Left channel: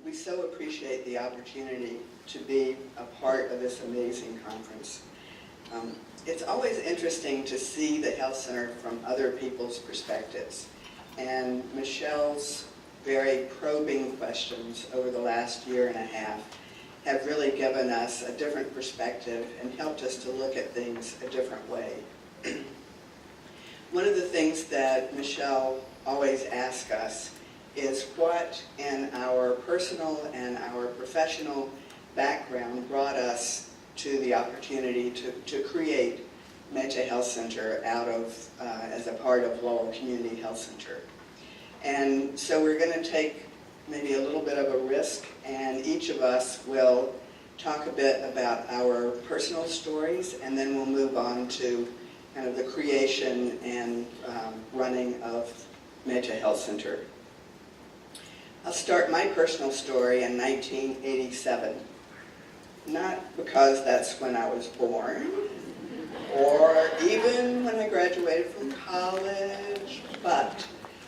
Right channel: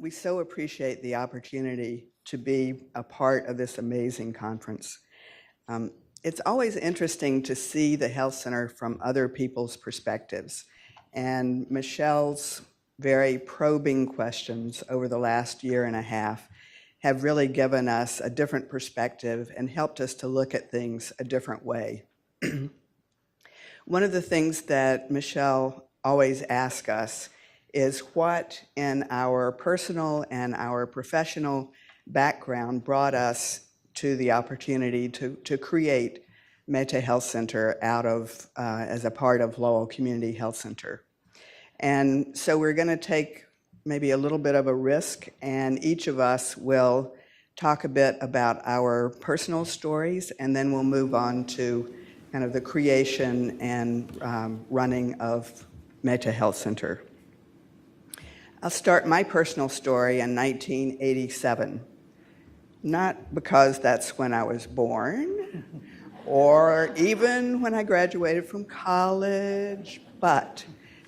We so appreciate the opportunity to be a part of this amazing conference. It's always interesting to see the health center from other people's perspectives. And Michelle's very probing questions over the last year and a half have really given us a different perspective and helped us to look at things a different way. One of the things that Michelle always asks us is what in our personal and our professional background brought us to the opportunity to create Metta Health Center out of, as a part of Lowell Community Health Center. And so we're going to take maybe a little bit of a risk, and each of us will talk a bit about our personal stories, and then we'll move on to kind of the creation and running of Metta Health Center. I'll start my personal story in 1987. Not because that's when I was born, or even when I graduated from college, but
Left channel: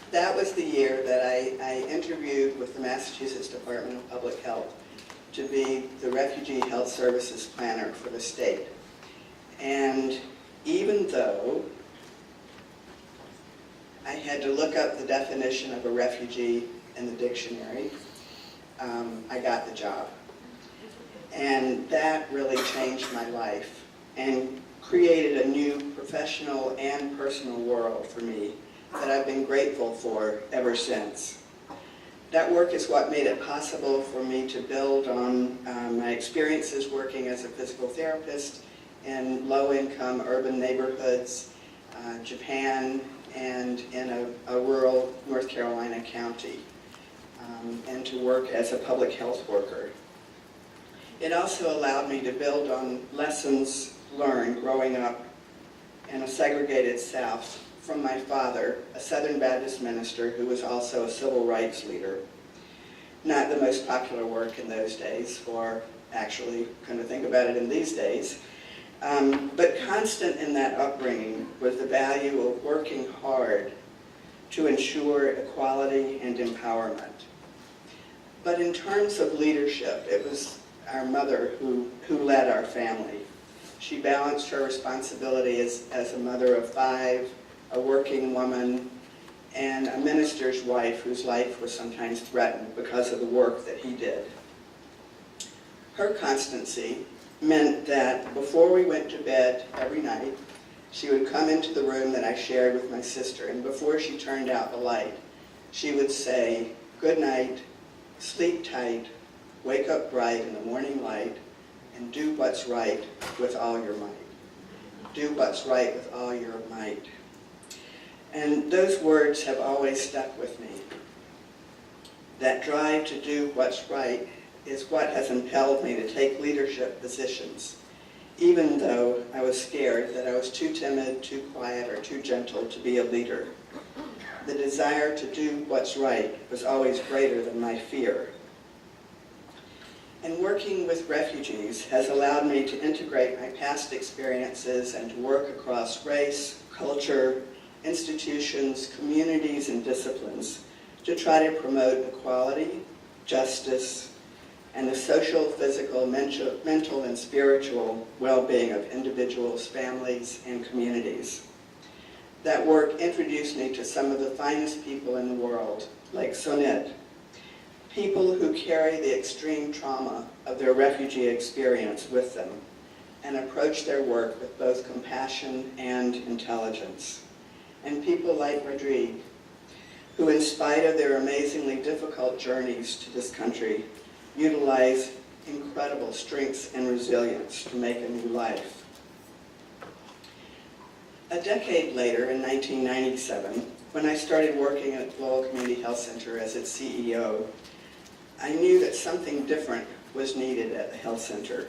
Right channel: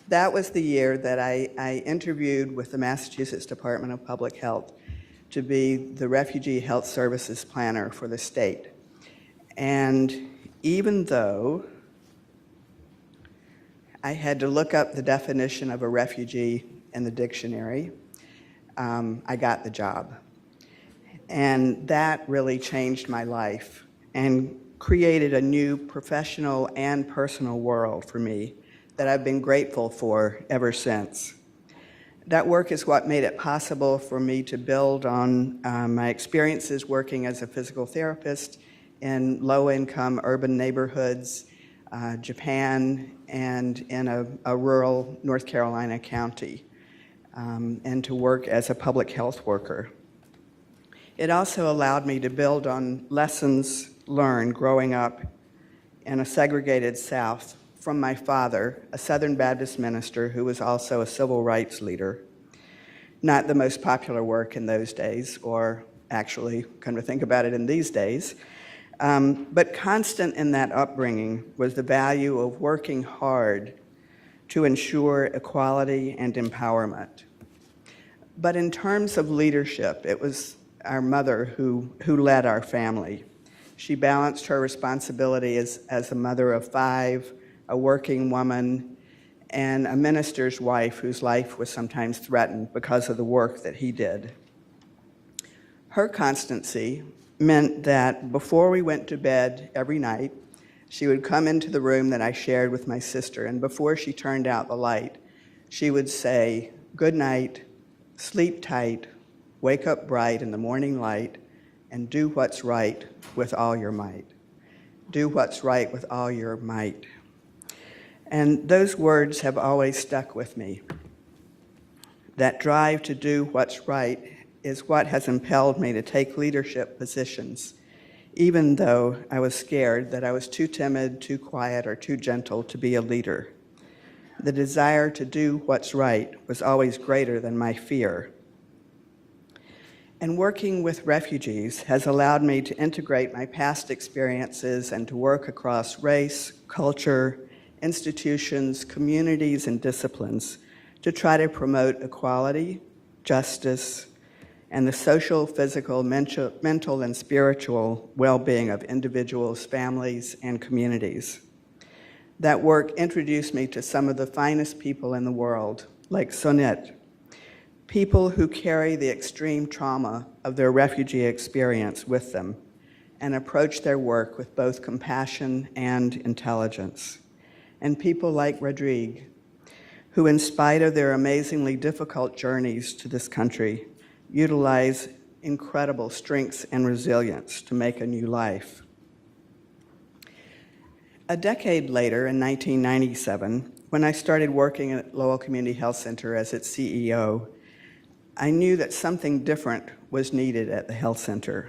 that was the year that I interviewed with the Massachusetts Department of Public Health to be the Refugee Health Services Planner for the state. And even though I had to look up the definition of a refugee in the dictionary, I got the job. And that really changed my life and created a new professional and personal world for me that I've been grateful for ever since. That work is what made it possible for me to build on my experiences working as a physical therapist in low-income urban neighborhoods, Japan, and in a rural North Carolina county, and to work as a public health worker. It also allowed me to build on lessons learned growing up in a segregated South from my father, a Southern Baptist minister who was also a civil rights leader. Not the most popular work in those days, or actually, come to think about it, in these days. But constant in that upbringing was the value of working hard to ensure equality and empowerment. But in terms of leadership, it was our mother who led our family. She balanced her responsibility as a mother of 5, a working woman, and a minister's wife whose life was sometimes threatened because of the work that he did. Her constancy meant that before we went to bed every night, she would come into the room that I shared with my sister, and before she turned out the light, she would say, "Good night, sleep tight, wake up bright in the morning light, and do what's right with all your might." Do what's right with all your might. And those words have always stuck with me. That drive to do what's right is what has impelled me to take leadership positions, even though I was scared that I was too timid, too quiet, or too gentle to be a leader. The desire to do what's right was always greater than my fear. And working with refugees has allowed me to integrate my past experiences and to work across race, culture, institutions, communities, and disciplines to try to promote equality, justice, and the social, physical, mental, and spiritual well-being of individuals, families, and communities. That work introduced me to some of the finest people in the world, like Sonith, people who carry the extreme trauma of their refugee experience with them and approach their work with both compassion and intelligence. And people like Rodrigue, who in spite of their amazingly difficult journeys to this country, utilize incredible strengths and resilience to make a new life. A decade later, in 1997, when I started working at Lowell Community Health Center as its CEO, I knew that something different was needed at the health center,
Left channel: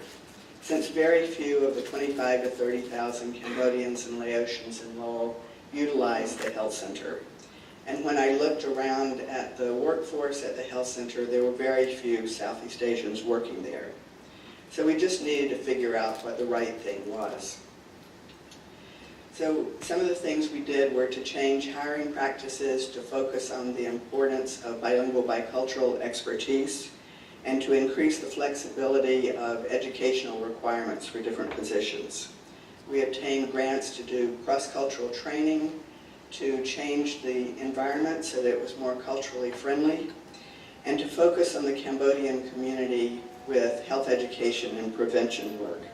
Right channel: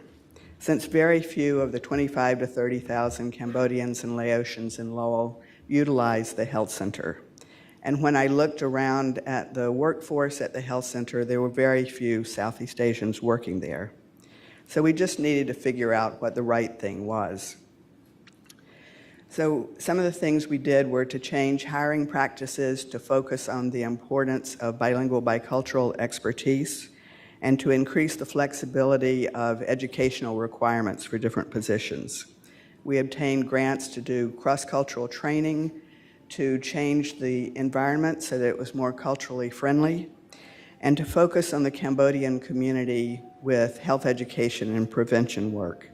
since very few of the 25 to 30,000 Cambodians and Laotians in Lowell utilize the health center. And when I looked around at the workforce at the health center, there were very few Southeast Asians working there. So we just needed to figure out what the right thing was. So some of the things we did were to change hiring practices to focus on the importance of bilingual bicultural expertise and to increase the flexibility of educational requirements for different positions. We obtained grants to do cross-cultural training, to change the environment so that it was more culturally friendly, and to focus on the Cambodian community with health education and prevention work.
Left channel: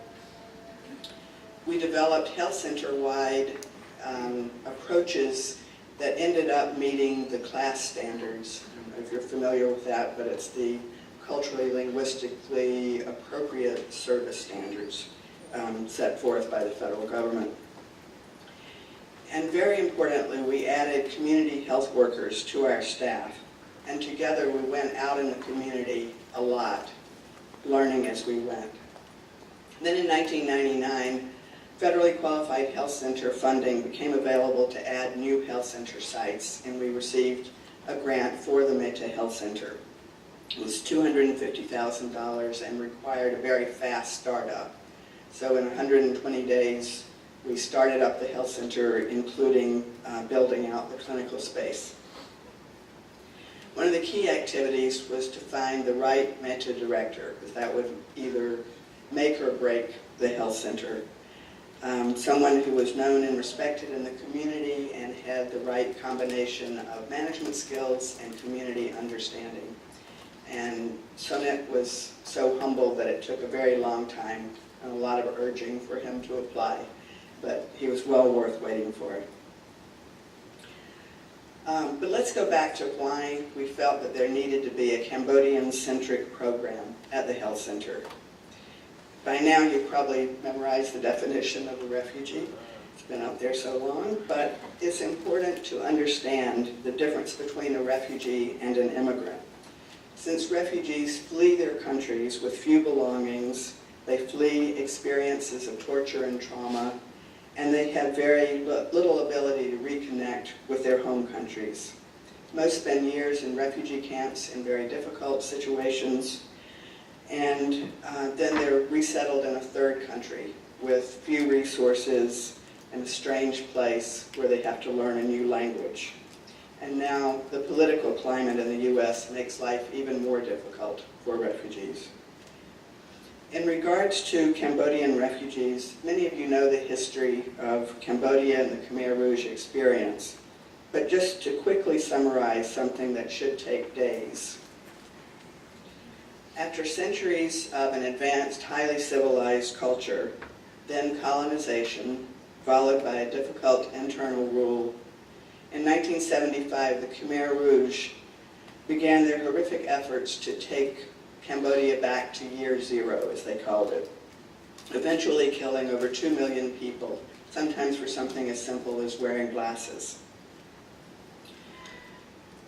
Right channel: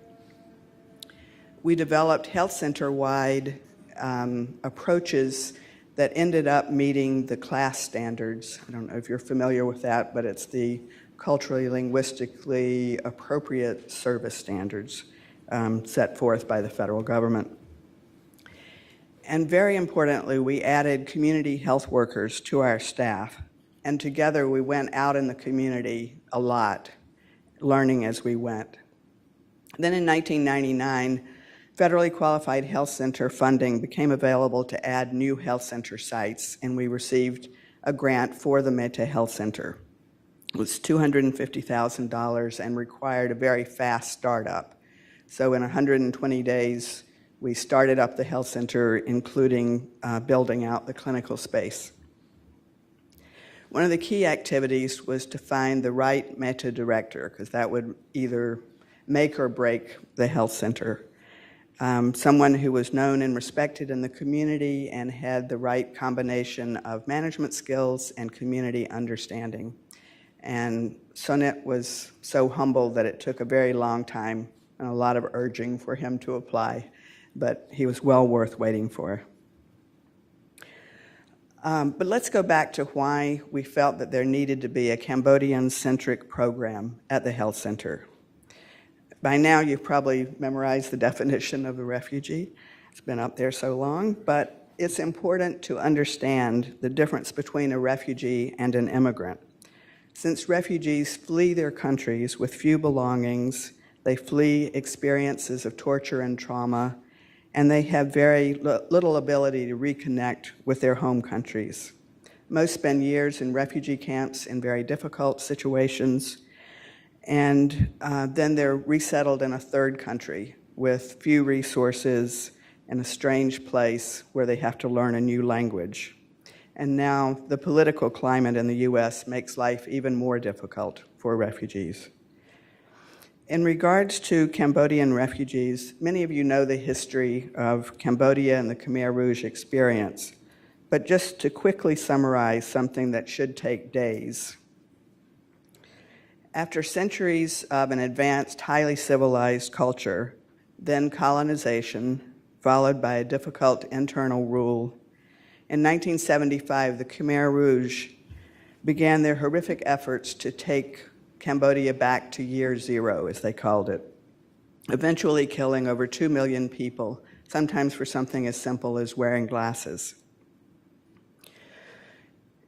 We developed health center-wide approaches that ended up meeting the class standards. I don't know if you're familiar with that, but it's the culturally, linguistically appropriate service standards set forth by the federal government. And very importantly, we added community health workers to our staff. And together we went out in the community a lot, learning as we went. Then in 1999, federally qualified health center funding became available to add new health center sites, and we received a grant for the Metta Health Center. It was $250,000 and required a very fast startup. So in 120 days, we started up the health center, including building out the clinical space. One of the key activities was to find the right Metta director, because that would either make or break the health center. Someone who was known and respected in the community and had the right combination of management skills and community understanding. And Sonith was so humble that it took a very long time and a lot of urging for him to apply, but he was well worth waiting for. But let's go back to why we felt that there needed to be a Cambodian-centric program at the health center. By now you've probably memorized the definition of a refugee. It's been up there so long, but it's important to understand the difference between a refugee and an immigrant. Since refugees flee their countries with few belongings, they flee experiences of torture and trauma, and they have very little ability to reconnect with their home countries. Most spend years in refugee camps in very difficult situations, and then they're resettled in a third country with few resources in a strange place where they have to learn a new language. And now the political climate in the U.S. makes life even more difficult for refugees. In regards to Cambodian refugees, many of you know the history of Cambodia and the Khmer Rouge experience. But just to quickly summarize something that should take days. After centuries of an advanced, highly civilized culture, then colonization, followed by a difficult internal rule, in 1975, the Khmer Rouge began their horrific efforts to take Cambodia back to year zero, as they called it, eventually killing over 2 million people, sometimes for something as simple as wearing glasses.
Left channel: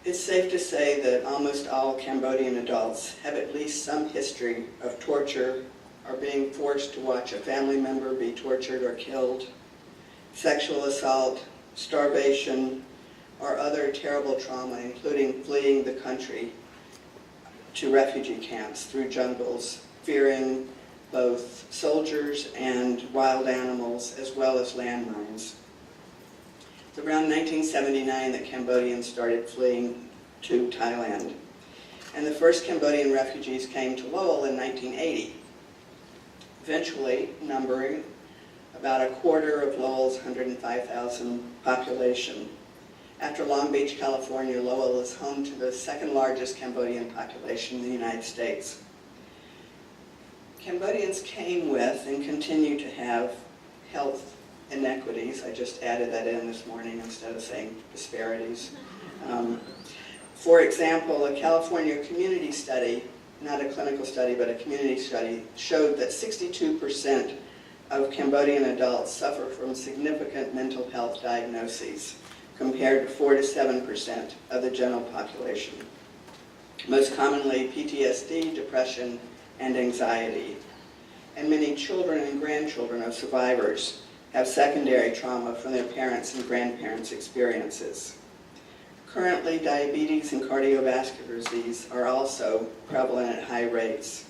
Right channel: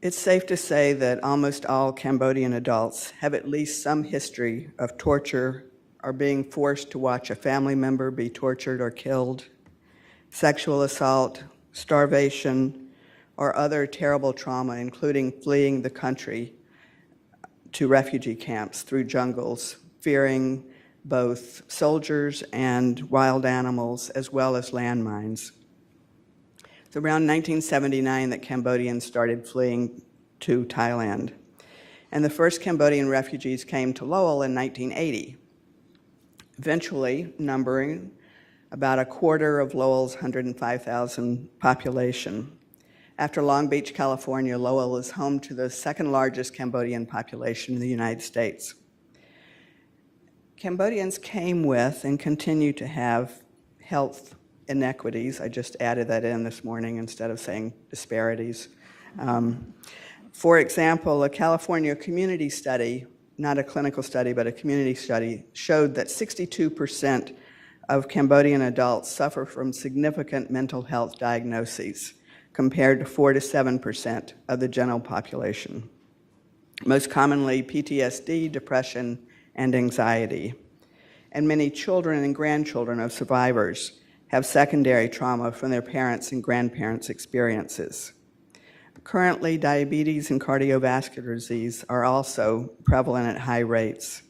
It's safe to say that almost all Cambodian adults have at least some history of torture or being forced to watch a family member be tortured or killed, sexual assault, starvation, or other terrible trauma, including fleeing the country to refugee camps through jungles, fearing both soldiers and wild animals, as well as landmines. It's around 1979 that Cambodians started fleeing to Thailand. And the first Cambodian refugees came to Lowell in 1980, eventually numbering about a quarter of Lowell's 105,000 population. After Long Beach, California, Lowell is home to the second largest Cambodian population in the United States. Cambodians came with and continue to have health inequities. I just added that in this morning instead of saying disparities. For example, a California community study, not a clinical study, but a community study, showed that 62% of Cambodian adults suffer from significant mental health diagnoses, compared to 4 to 7% of the general population. Most commonly PTSD, depression, and anxiety. And many children and grandchildren of survivors have secondary trauma from their parents' and grandparents' experiences. Currently, diabetes and cardiovascular disease are also prevalent at high rates.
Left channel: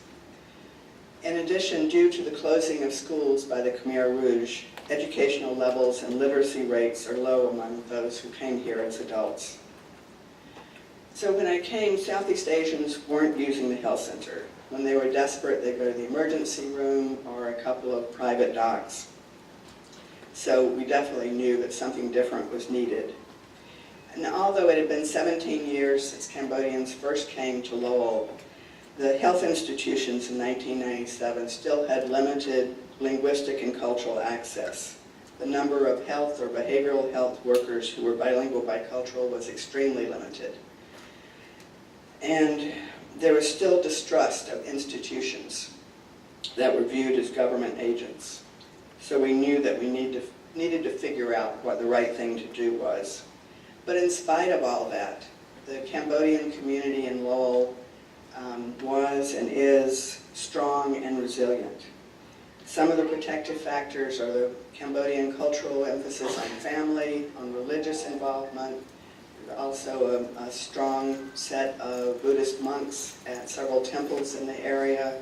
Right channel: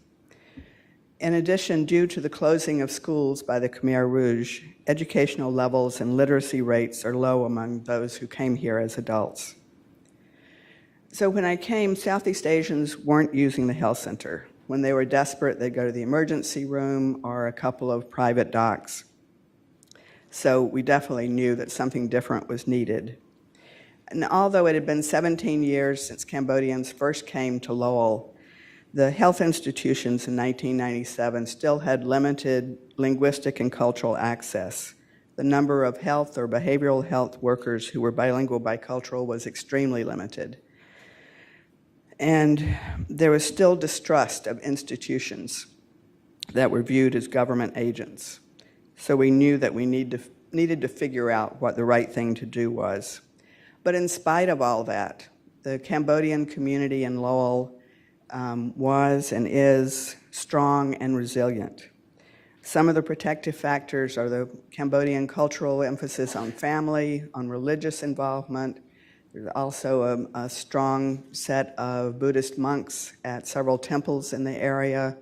In addition, due to the closing of schools by the Khmer Rouge, educational levels and literacy rates are low among those who came here as adults. So when I came, Southeast Asians weren't using the health center. When they were desperate, they'd go to the emergency room or a couple of private docs. So we definitely knew that something different was needed. And although it had been 17 years since Cambodians first came to Lowell, the health institutions in 1997 still had limited linguistic and cultural access. The number of health or behavioral health workers who were bilingual bicultural was extremely limited. And there was still distrust of institutions that were viewed as government agents. So we knew that we needed to figure out what the right thing to do was. But in spite of all that, the Cambodian community in Lowell was and is strong and resilient. Some of the protective factors are the Cambodian cultural emphasis on family, on religious involvement. There's also a strong set of Buddhist monks at several temples in the area,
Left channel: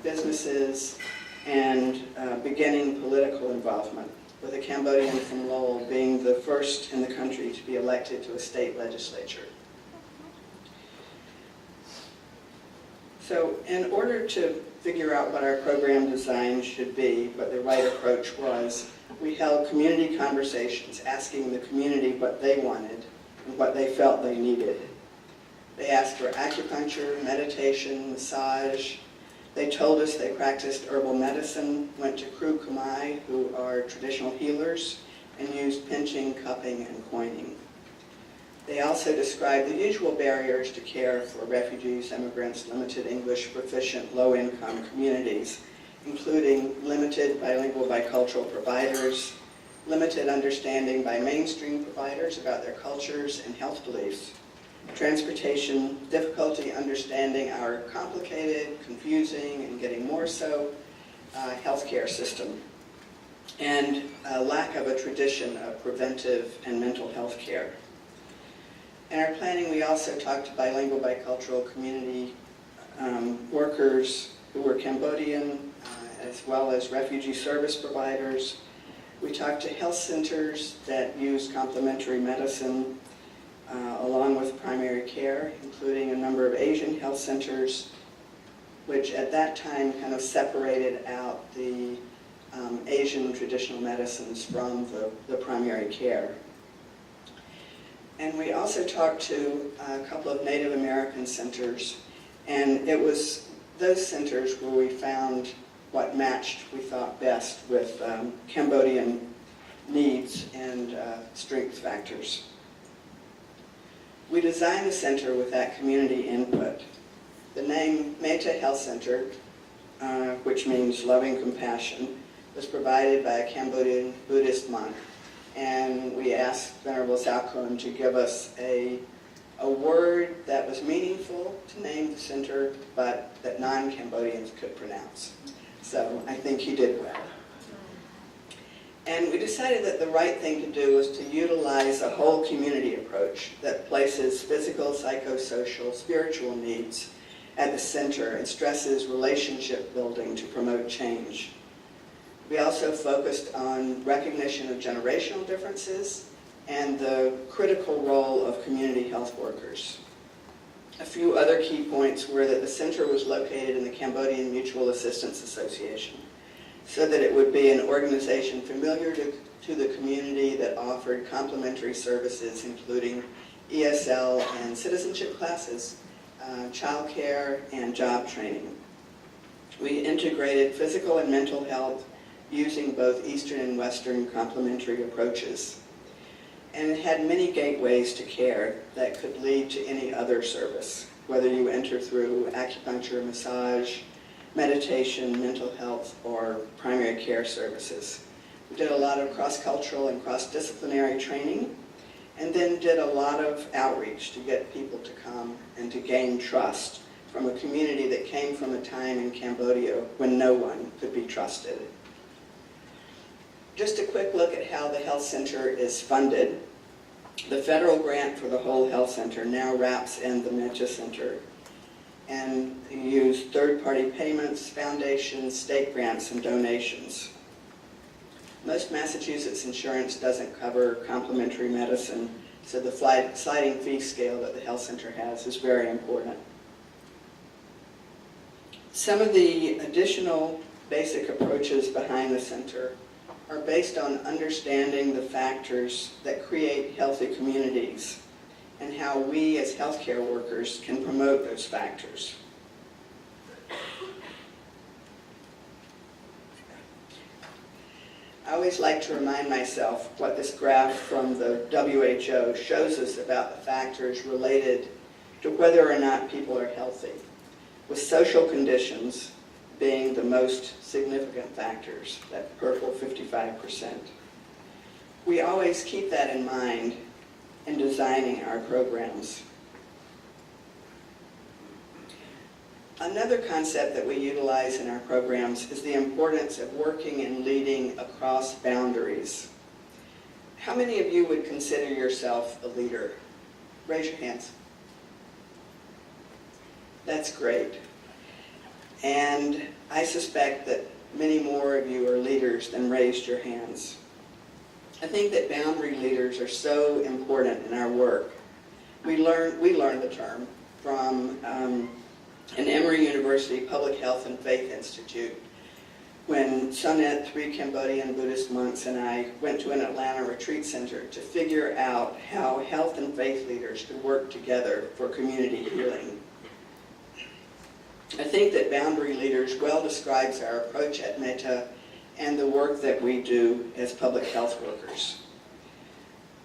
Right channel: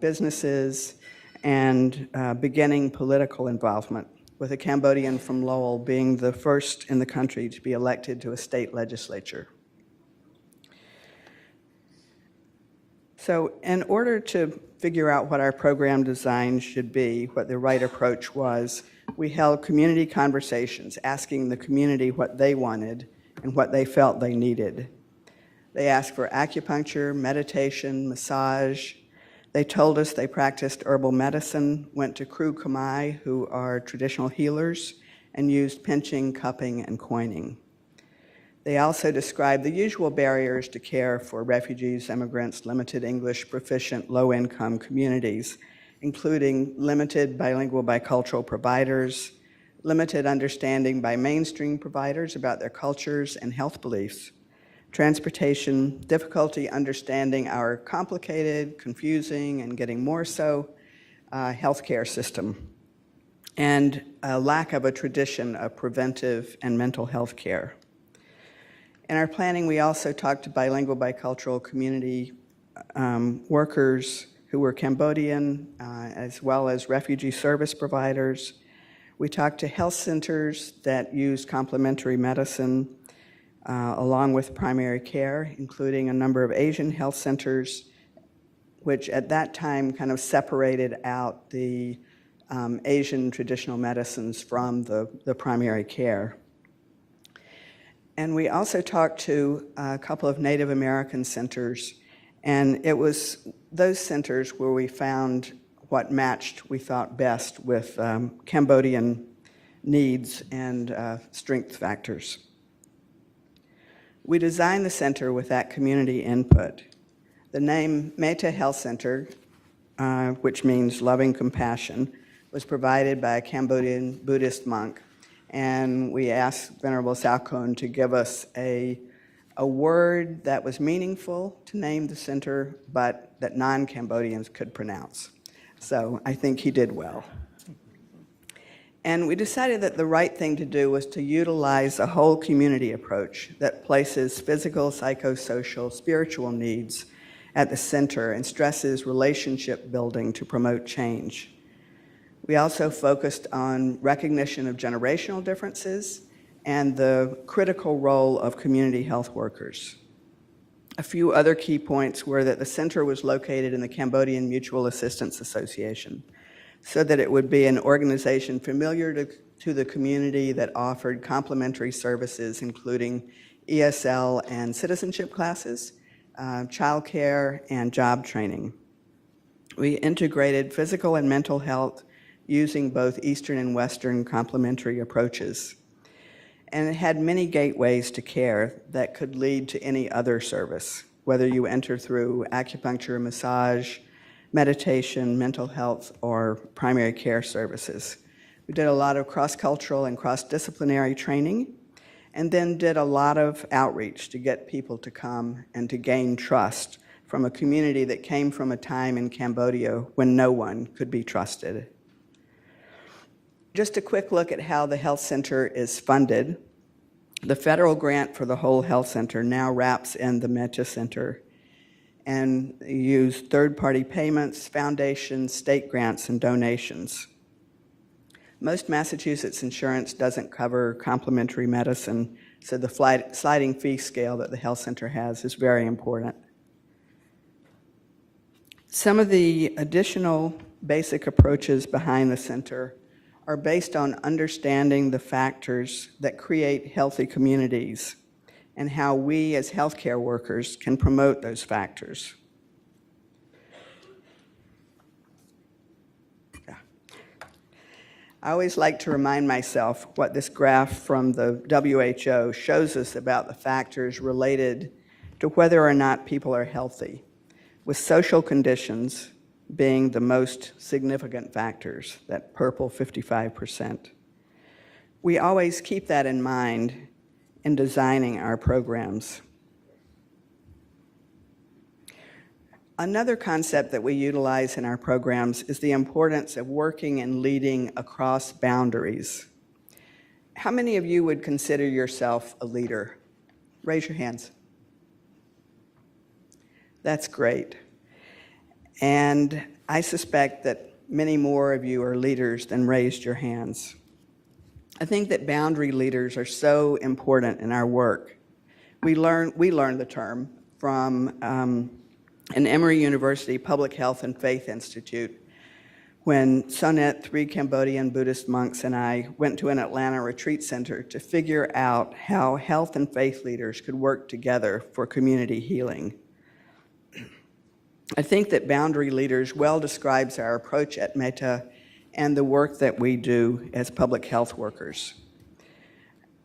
businesses, and beginning political involvement, with a Cambodian from Lowell being the first in the country to be elected to a state legislature. So in order to figure out what our program design should be, what the right approach was, we held community conversations, asking the community what they wanted and what they felt they needed. They asked for acupuncture, meditation, massage. They told us they practiced herbal medicine, went to Kru Khmer, who are traditional healers, and used pinching, cupping, and coining. They also described the usual barriers to care for refugees, immigrants, limited English proficient, low-income communities, including limited bilingual bicultural providers, limited understanding by mainstream providers about their cultures and health beliefs, transportation, difficulty understanding our complicated, confusing, and getting more so healthcare system, and a lack of a tradition of preventive and mental health care. In our planning, we also talked to bilingual bicultural community workers who were Cambodian, as well as refugee service providers. We talked to health centers that use complementary medicine along with primary care, including a number of Asian health centers, which at that time kind of separated out the Asian traditional medicines from the primary care. And we also talked to a couple of Native American centers, and it was those centers where we found what matched, we thought, best with Cambodian needs and strength factors. We designed the center with that community input. The name Metta Health Center, which means loving compassion, was provided by a Cambodian Buddhist monk. And we asked Venerable Salkon to give us a word that was meaningful to name the center, but that non-Cambodians could pronounce. So I think he did well. And we decided that the right thing to do was to utilize a whole community approach that places physical, psychosocial, spiritual needs at the center and stresses relationship building to promote change. We also focused on recognition of generational differences and the critical role of community health workers. A few other key points were that the center was located in the Cambodian Mutual Assistance Association, so that it would be an organization familiar to the community that offered complementary services, including ESL and citizenship classes, childcare, and job training. We integrated physical and mental health using both Eastern and Western complementary approaches. And it had many gateways to care that could lead to any other service, whether you enter through acupuncture, massage, meditation, mental health, or primary care services. We did a lot of cross-cultural and cross-disciplinary training, and then did a lot of outreach to get people to come and to gain trust from a community that came from a time in Cambodia when no one could be trusted. Just a quick look at how the health center is funded. The federal grant for the whole health center now wraps in the Metta Center. and use third-party payments, foundations, state grants, and donations. Most Massachusetts insurance doesn't cover complementary medicine, so the sliding fee scale that the health center has is very important. Some of the additional basic approaches behind the center are based on understanding the factors that create healthy communities and how we as healthcare workers can promote those factors. I always like to remind myself what this graph from the WHO shows us about the factors related to whether or not people are healthy, with social conditions being the most significant factors, that purple 55%. We always keep that in mind in designing our programs. Another concept that we utilize in our programs is the importance of working and leading across boundaries. How many of you would consider yourself a leader? Raise your hands. That's great. And I suspect that many more of you are leaders than raised your hands. I think that boundary leaders are so important in our work. We learned the term from an Emory University Public Health and Faith Institute when Sonith, 3 Cambodian Buddhist monks, and I went to an Atlanta retreat center to figure out how health and faith leaders could work together for community healing. I think that boundary leaders well describes our approach at Metta and the work that we do as public health workers.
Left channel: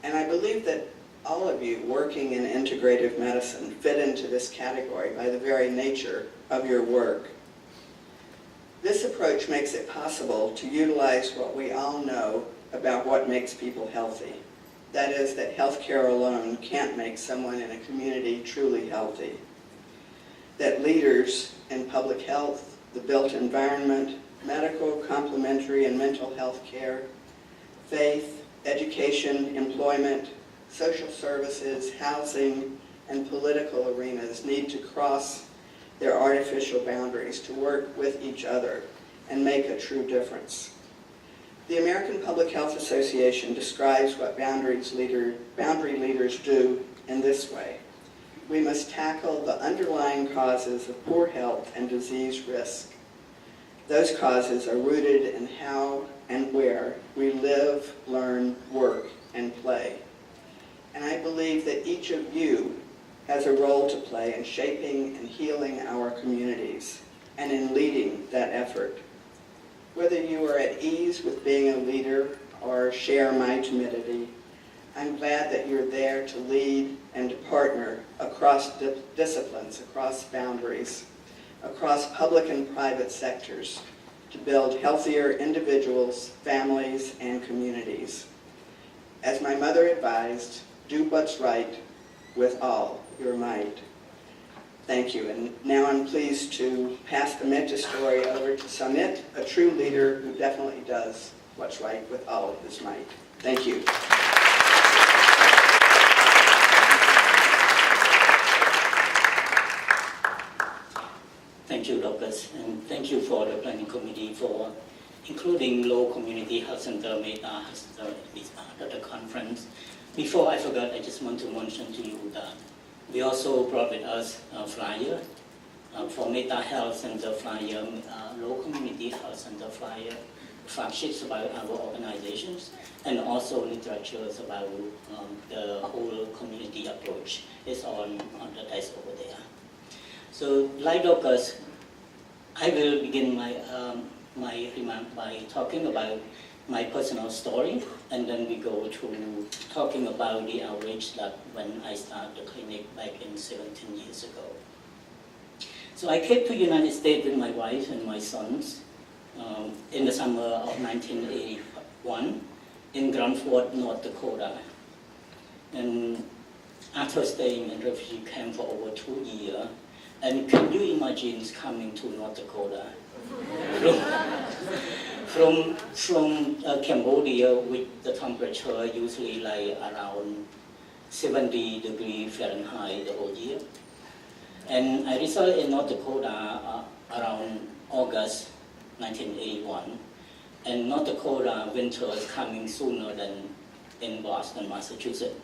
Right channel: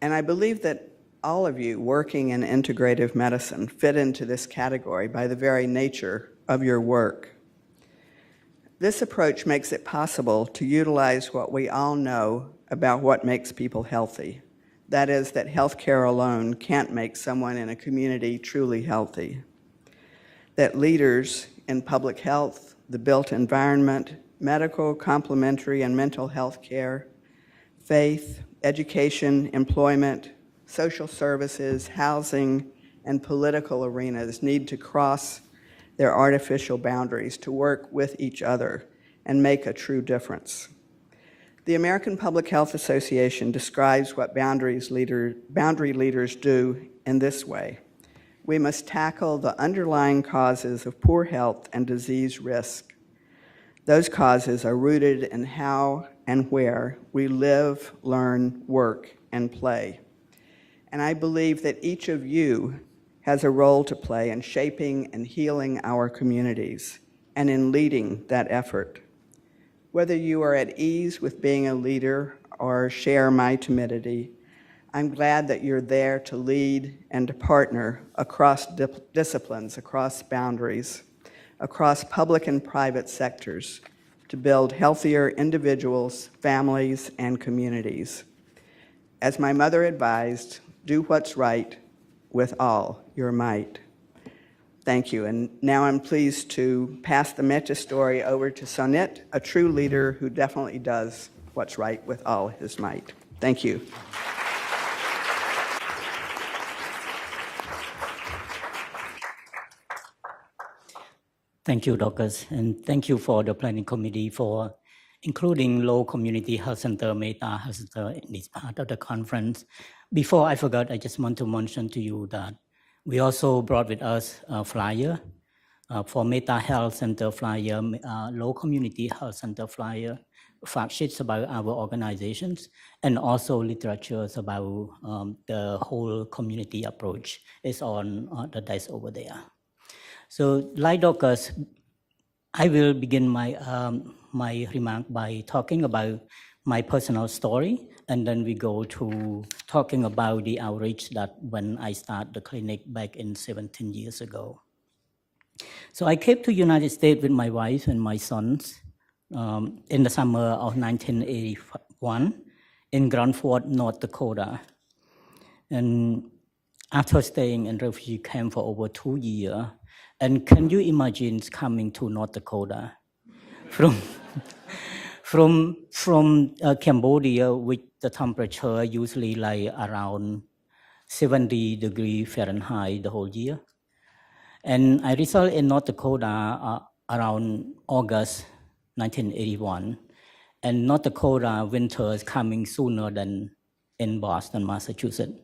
And I believe that all of you working in integrative medicine fit into this category by the very nature of your work. This approach makes it possible to utilize what we all know about what makes people healthy. That is, that healthcare alone can't make someone in a community truly healthy. That leaders in public health, the built environment, medical, complementary, and mental health care, faith, education, employment, social services, housing, and political arenas need to cross their artificial boundaries to work with each other and make a true difference. The American Public Health Association describes what boundary leaders do in this way. We must tackle the underlying causes of poor health and disease risk. Those causes are rooted in how and where we live, learn, work, and play. And I believe that each of you has a role to play in shaping and healing our communities and in leading that effort. Whether you are at ease with being a leader or share my timidity, I'm glad that you're there to lead and to partner across disciplines, across boundaries, across public and private sectors to build healthier individuals, families, and communities. As my mother advised, do what's right with all your might. Thank you. And now I'm pleased to pass the Metta story over to Sonith, a true leader who definitely does what's right with all his might. Thank you. Thank you, Dorcas, and thank you for the planning committee for including Lowell Community Health Center, Metta Health Center at the conference. Before I forgot, I just want to mention to you that we also brought with us a flyer for Metta Health Center flyer, Lowell Community Health Center flyer, fact sheets about our organizations, and also literatures about the whole community approach is on the desk over there. So, like Dorcas, I will begin my remark by talking about my personal story, and then we go to talking about the outreach that when I started the clinic back in 17 years ago. So I came to United States with my wife and my sons in the summer of 1981 in Grand Forks, North Dakota. And after staying in refugee camp for over 2 years, and can you imagine coming to North Dakota from Cambodia with the temperature usually like around 70 degrees Fahrenheit the whole year. And I resided in North Dakota around August 1981. And North Dakota winter is coming sooner than in Boston, Massachusetts.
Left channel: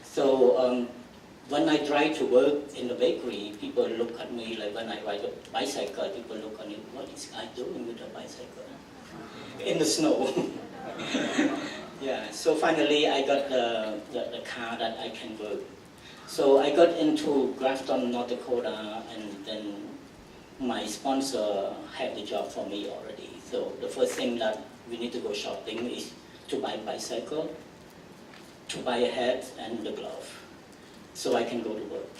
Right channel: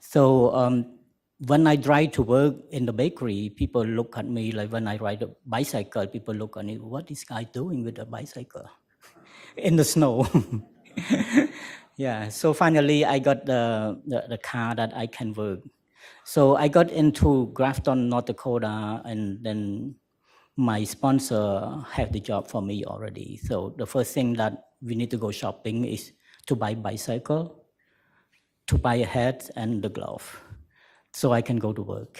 So when I drive to work in the bakery, people look at me like when I ride a bicycle, people look at me, what is this guy doing with a bicycle in the snow? Yeah, so finally I got the car that I can work. So I got into Grafton, North Dakota, and then my sponsor had the job for me already. So the first thing that we need to go shopping is to buy a bicycle, to buy a hat and the glove, so I can go to work.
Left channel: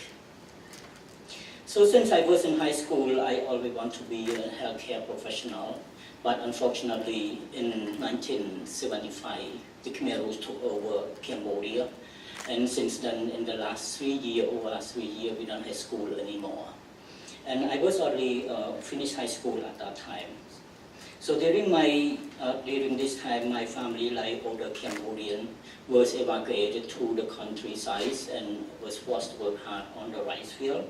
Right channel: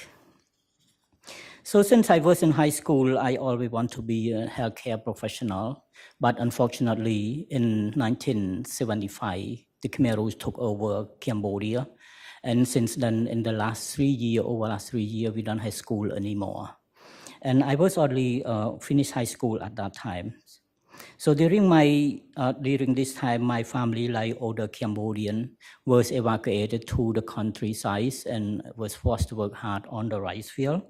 So since I was in high school, I always want to be a healthcare professional, but unfortunately in 1975, the Khmer Rouge took over Cambodia, and since then in the last 3 years, we don't have school anymore. And I was only finished high school at that time. So during this time, my family, like older Cambodian, was evacuated to the countryside and was forced to work hard on the rice field.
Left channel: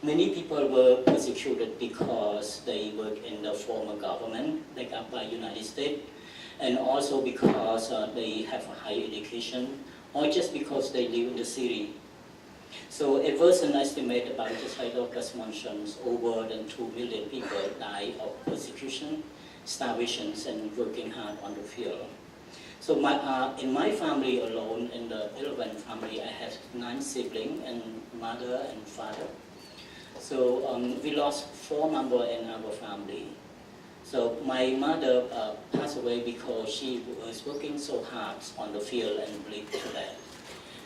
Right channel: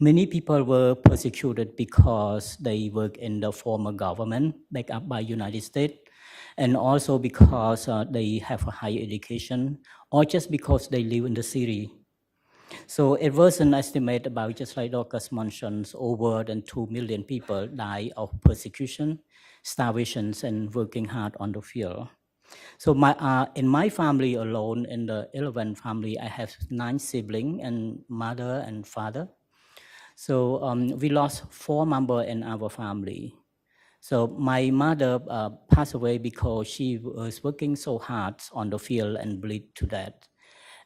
Many people were persecuted because they work in the former government, backed up by United States, and also because they have a high education, or just because they live in the city. So it was an estimate about, just like Dorcas mentioned, over than 2 million people die of persecution, starvations, and working hard on the field. So in my family alone, in the 11 family, I have 9 siblings and mother and father. So we lost 4 members in our family. So my mother passed away because she was working so hard on the field and bleed to death.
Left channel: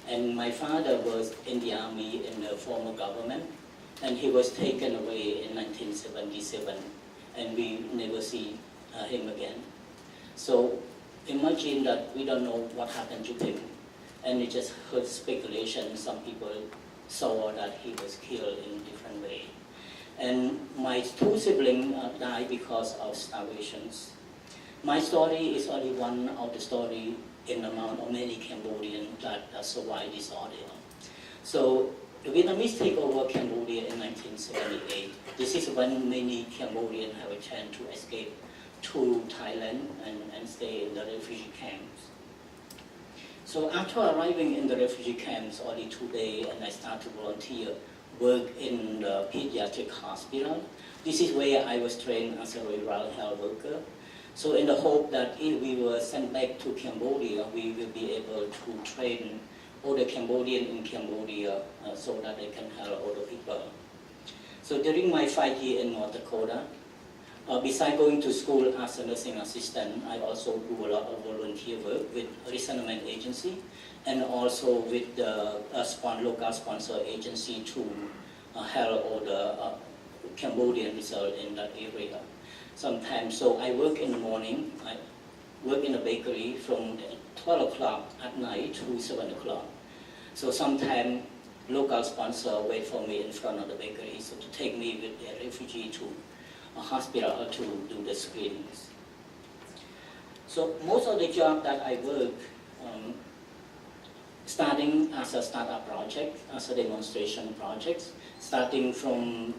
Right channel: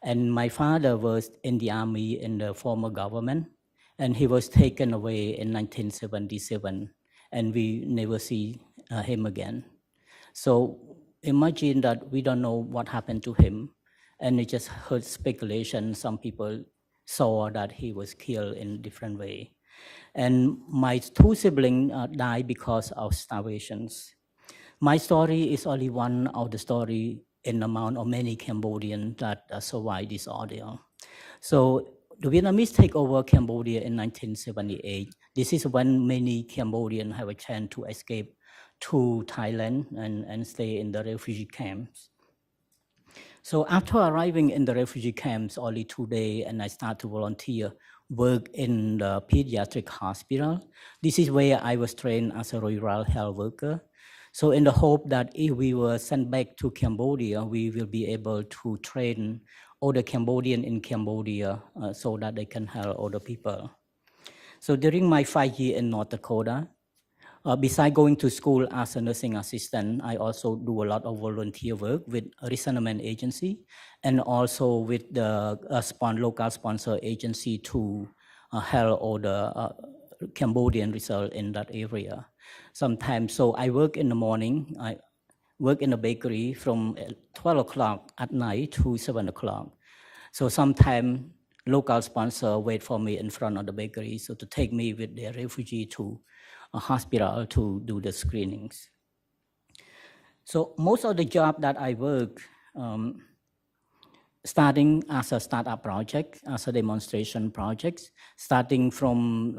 And my father was in the army in the former government, and he was taken away in 1977, and we never see him again. So imagine that we don't know what happened to him, and we just heard speculation. Some people saw that he was killed in different way. And my 2 siblings died because of starvations. My story is only one of the story in amount of many Cambodians that survived this ordeal. So the Vietnamese take over Cambodia in 1978. This is when many Cambodians have a chance to escape to Thailand and stay in the refugee camps. So after arriving in the refugee camps only 2 days, and I start to volunteer work in the pediatric hospital. This is where I was trained as a rural health worker. So in the hope that if we were sent back to Cambodia, we will be able to train older Cambodian in Cambodia so that they can help older people. So during my 5 years in North Dakota, besides going to school as a nursing assistant, I also do a lot of volunteer work with a resettlement agency and also with the local sponsor agency to help all the Cambodian result in that area. Sometimes, so I work in the morning, I work in a bakery from 12 o'clock at night to 7 o'clock. So sometimes local sponsor wait for me in front of the bakery so to take me with their refugee to a hospital to do the screenings. So most of the job that I work, starting as a startup project, as a demonstration project, starting from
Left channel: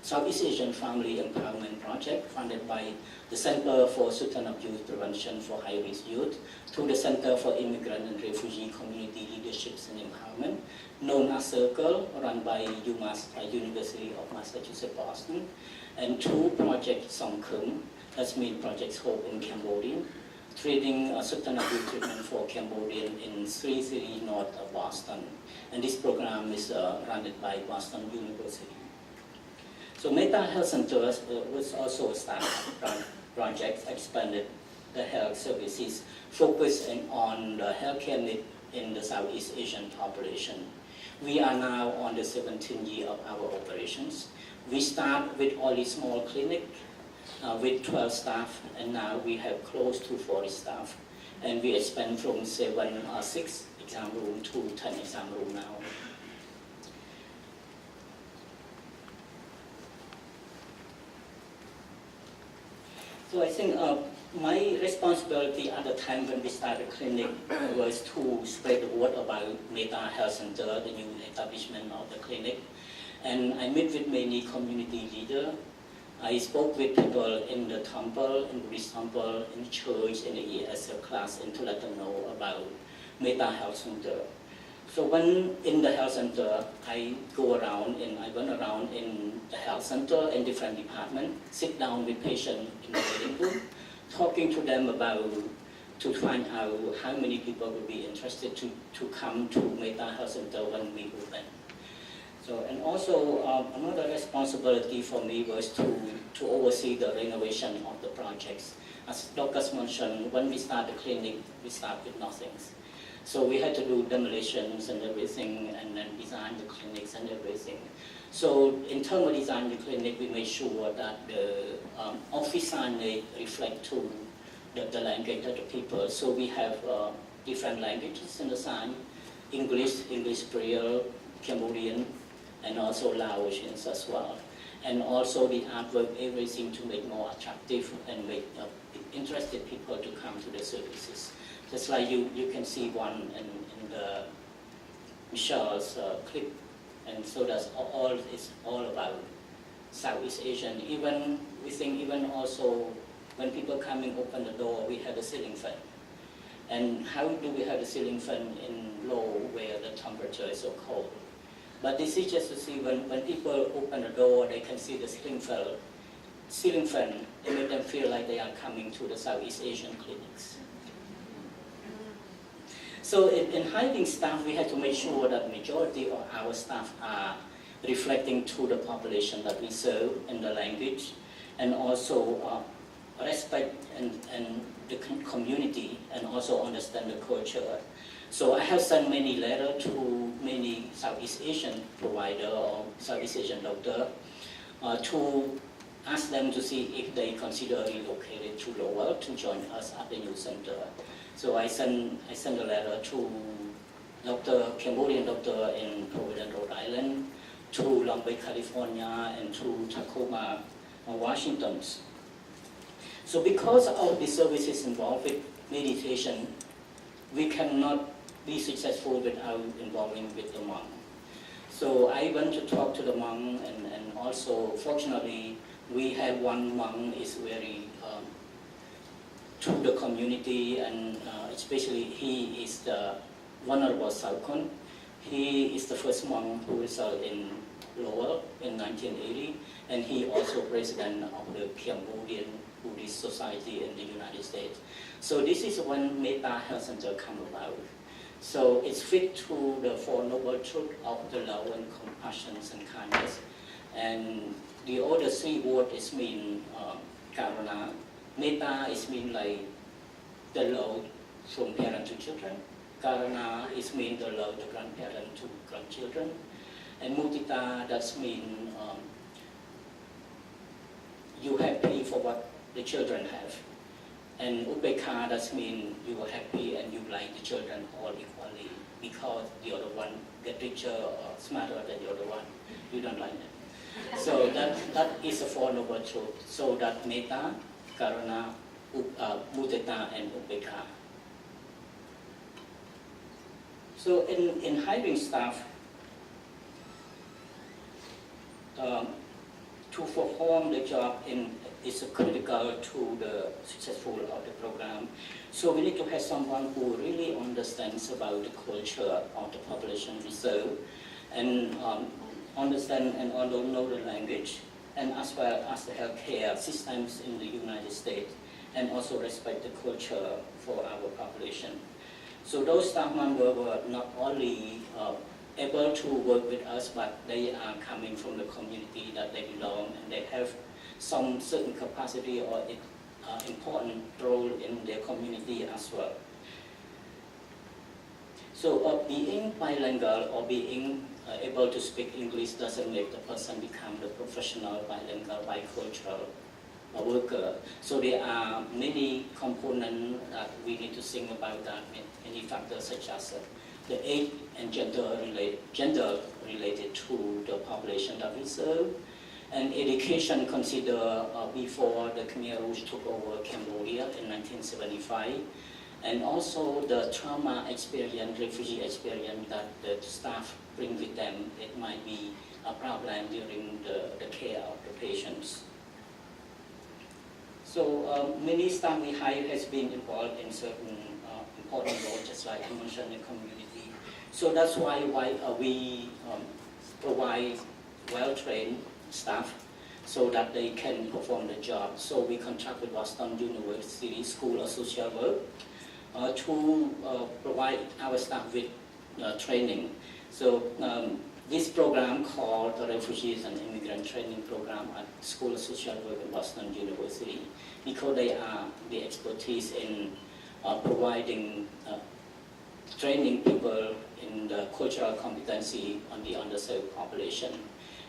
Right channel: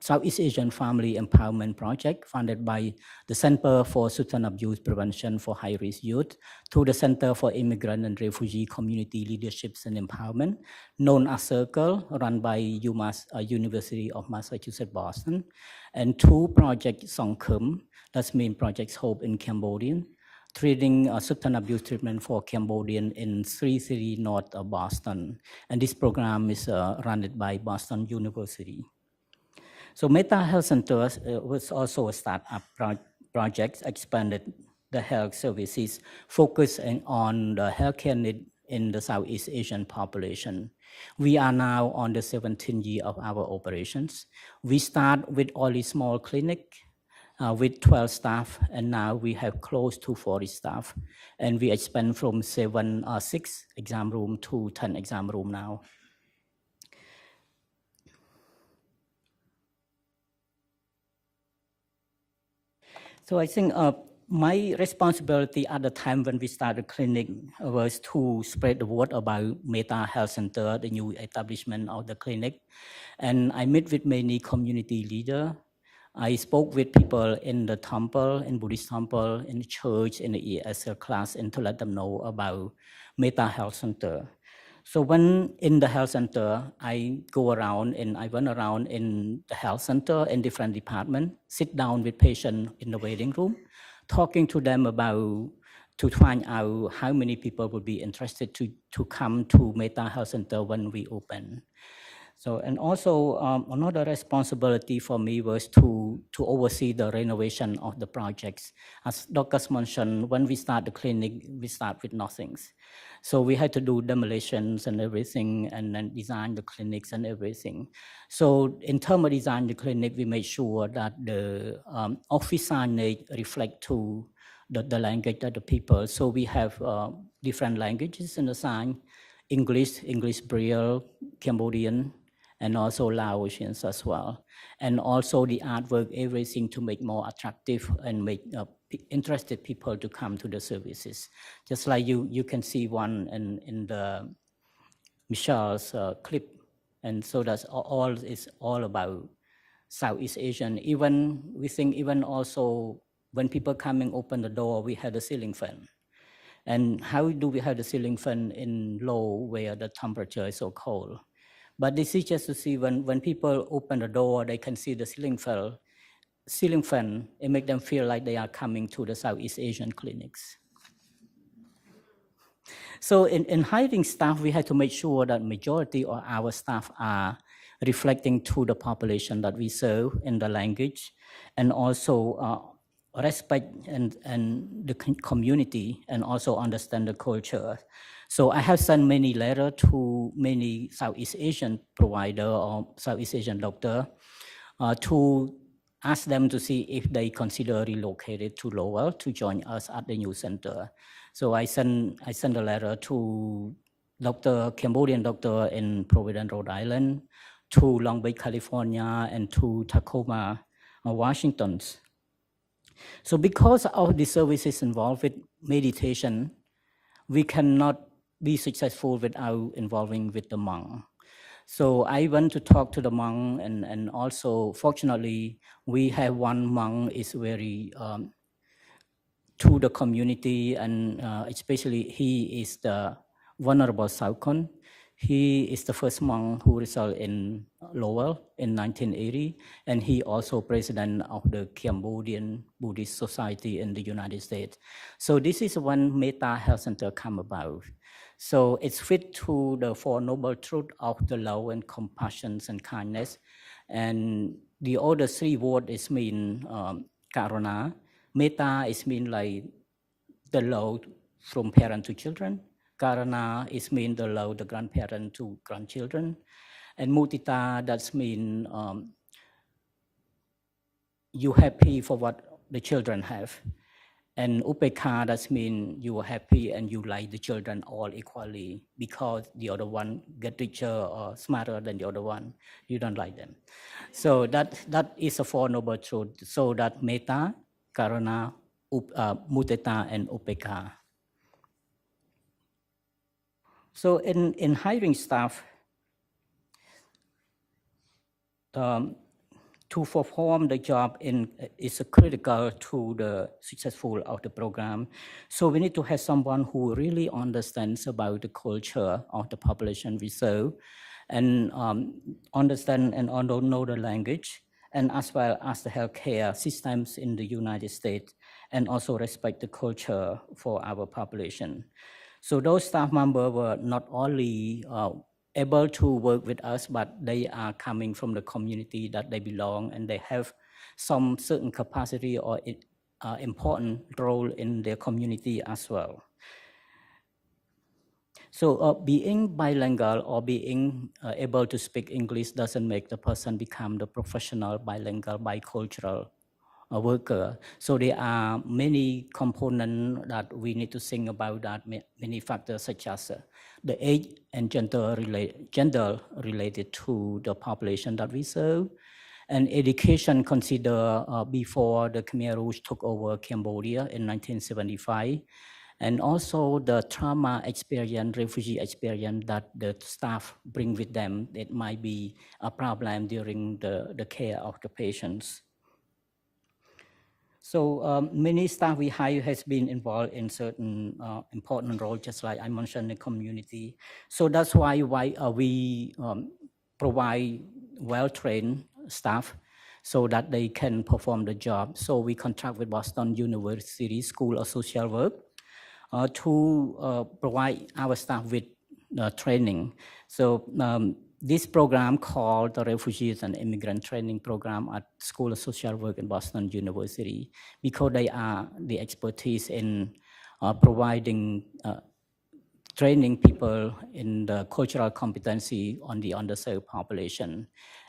Southeast Asian Family Empowerment Project funded by the Center for Substance Abuse Prevention for High-Risk Youth to the Center for Immigrant and Refugee Community Leaderships and Empowerment, known as Circle, run by UMass, University of Massachusetts, Boston, and 2 projects Songkhum, that's mean Project Hope in Cambodian, treating substance abuse treatment for Cambodian in 3 cities north of Boston. And this program is run by Boston University. So Metta Health Center was also a startup project, expanded the health services, focusing on the healthcare need in the Southeast Asian population. We are now on the 17th year of our operations. We start with only small clinic with 12 staff, and now we have close to 40 staff. And we expand from 6 exam room to 10 exam room now. So I think my responsibility at the time when we started clinic was to spread the word about Metta Health Center, the new establishment of the clinic. And I met with many community leaders. I spoke with people in the temple, in Buddhist temple, in church, in the ESL class, and to let them know about Metta Health Center. So when in the health center, I go around and I went around in the health center in different departments, sit down with patients in the waiting room, talking to them about, to find out how many people would be interested to come to Metta Health Center when we open. So, and also another responsibility for me was to oversee the renovation of the projects. As Dorcas mentioned, when we start the clinic, we start with nothing. So we had to do demolitions and everything, and then design the clinics and everything. So in terms of design the clinic, we made sure that the office signage reflect to the language of the people. So we have different languages in the sign: English Braille, Cambodian, and also Laotians as well. And also the artwork, everything to make more attractive and make interested people to come to the services. Just like you can see one in the Michelle's clip, and so that's all. It's all about Southeast Asian. Even we think even also when people come and open the door, we have a ceiling fan. And how do we have the ceiling fan in Lowell where the temperature is so cold? But this is just to see when people open the door, they can see the ceiling fan. It makes them feel like they are coming to the Southeast Asian clinics. So in hiring staff, we had to make sure that majority of our staff are reflecting to the population that we serve in the language, and also respect and the community, and also understand the culture. So I have sent many letters to many Southeast Asian provider or Southeast Asian doctor to ask them to see if they consider relocated to Lowell to join us at the new center. So I sent a letter to Cambodian doctor in Providence, Rhode Island, to Long Beach, California, and to Tacoma, Washington. So because of the services involved with meditation, we cannot be successful without involving with the monk. So I went to talk to the monk, and also fortunately we have one monk is very to the community, and especially he is the Venerable Salkon. He is the first monk who resided in Lowell in 1980, and he also president of the Cambodian Buddhist Society in the United States. So this is when Metta Health Center come about. So it's fit to the Four Noble Truths of the love and compassion and kindness. And the other three words is mean Karuna. Metta is mean like the love from parent to children. Karuna is mean the love the grandparent to grandchildren. And Mudita, that's mean you happy for what the children have. And Upekha, that means you are happy and you like the children all equally, because the other one get richer or smarter than the other one, you don't like them. So that is a Four Noble Truths. So that Metta, Karuna, Mudita, and Upekha. So in hiring staff, to perform the job is critical to the successful of the program. So we need to have someone who really understands about the culture of the population we serve, and understand and know the language, and as well as the healthcare systems in the United States, and also respect the culture for our population. So those staff members were not only able to work with us, but they are coming from the community that they belong, and they have some certain capacity or important role in their community as well. So being bilingual or being able to speak English doesn't make the person become the professional bilingual bicultural worker. So there are many components that we need to think about, that many factors such as the age and gender related to the population that we serve, and education considered before the Khmer Rouge took over Cambodia in 1975, and also the trauma experience, refugee experience that the staff bring with them. It might be problem during the care of the patients. So many staff we hire has been involved in certain important roles, just like I mentioned, in community. So that's why we provide well-trained staff so that they can perform the job. So we contract with Boston University School of Social Work to provide our staff with training. So this program called the Refugees and Immigrant Training Program at School of Social Work in Boston University, because they are the expertise in providing training people in the cultural competency on the underserved population.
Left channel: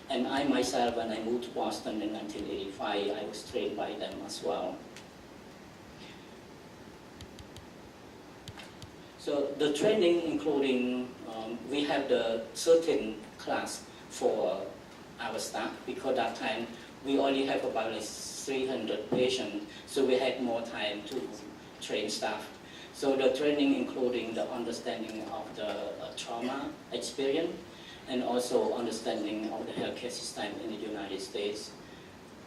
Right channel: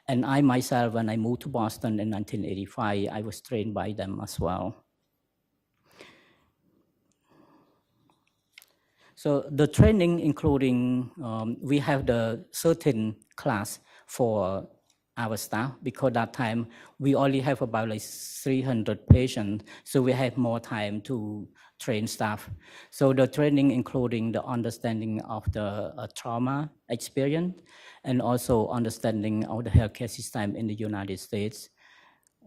And I myself, when I moved to Boston in 1985, I was trained by them as well. So the training including, we have the certain class for our staff, because that time we only have about like 300 patients, so we had more time to train staff. So the training including the understanding of the trauma experience and also understanding of the healthcare system in the United States.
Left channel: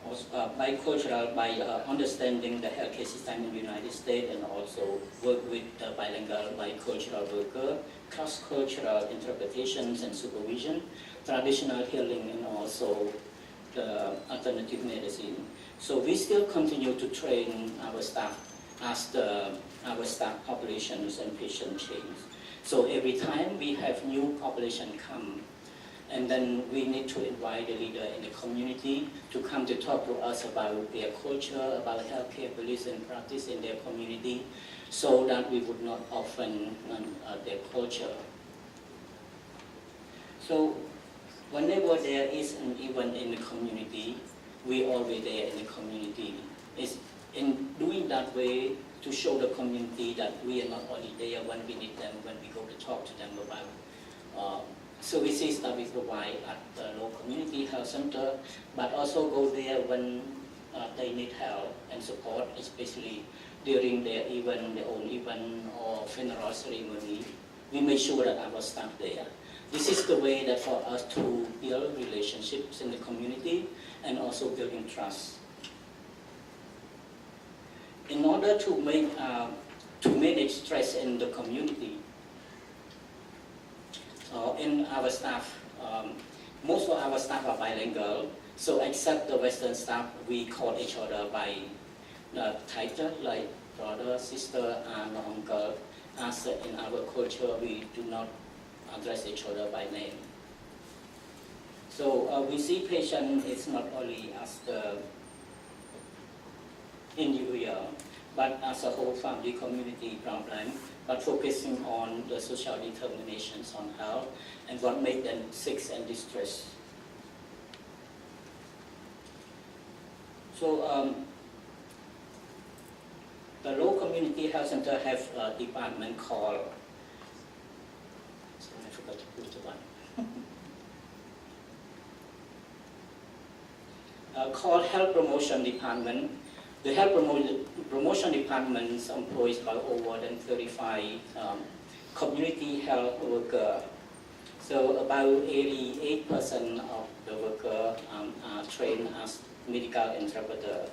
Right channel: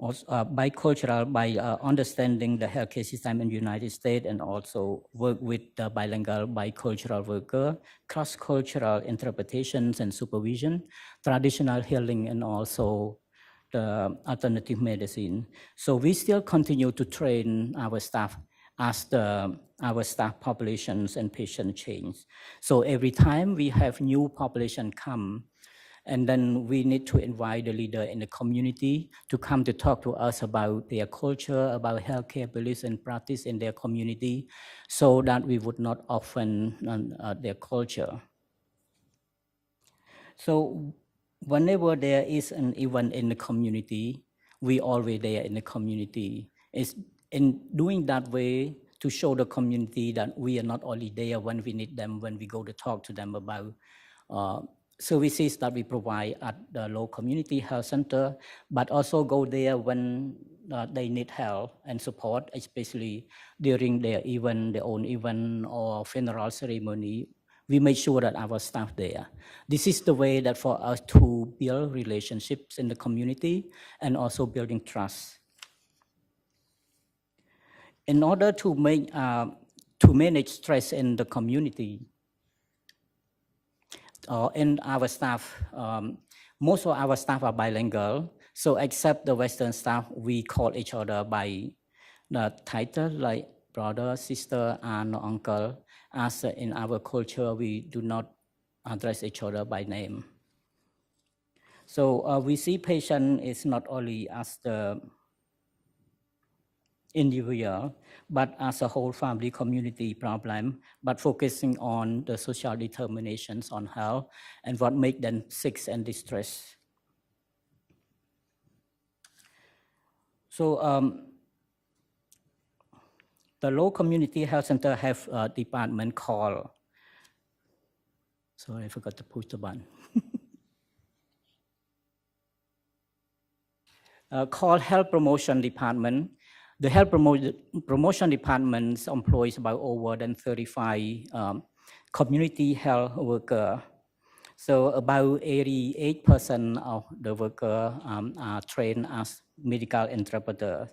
Also, bicultural, by understanding the healthcare system in the United States, and also work with the bilingual, bicultural worker, cross-cultural interpretations and supervision, traditional healing, and also the alternative medicine. So we still continue to train our staff as our staff populations and patient change. So every time we have new population come, and then we need to invite the leader in the community to come to talk to us about their culture, about healthcare beliefs and practice in their community, so that we would not offend their culture. So whenever there is an event in the community, we always there in the community. It's in doing that way to show the community that we are not only there when we need them, when we go to talk to them about services that we provide at the local community health center, but also go there when they need help and support, especially during their event, their own event or funeral ceremony. We make sure that our staff there. This is the way that for us to build relationships in the community and also building trust. In order to manage stress in the community, in our staff, most of our staff are bilingual. So except the Western staff, we call each other by the title, like brother, sister, aunt, or uncle. As in our culture, we do not address each other by name. So we see patient is not only as the individual, but as a whole family community problem, but focusing on the social determinations on health and what make them sick and distressed. So the Lowell Community Health Center have a department called, sorry, I forgot to push the button. Called Health Promotion Department. The Health Promotion Department employs about over than 35 community health workers. So about 88% of the workers are trained as medical interpreters.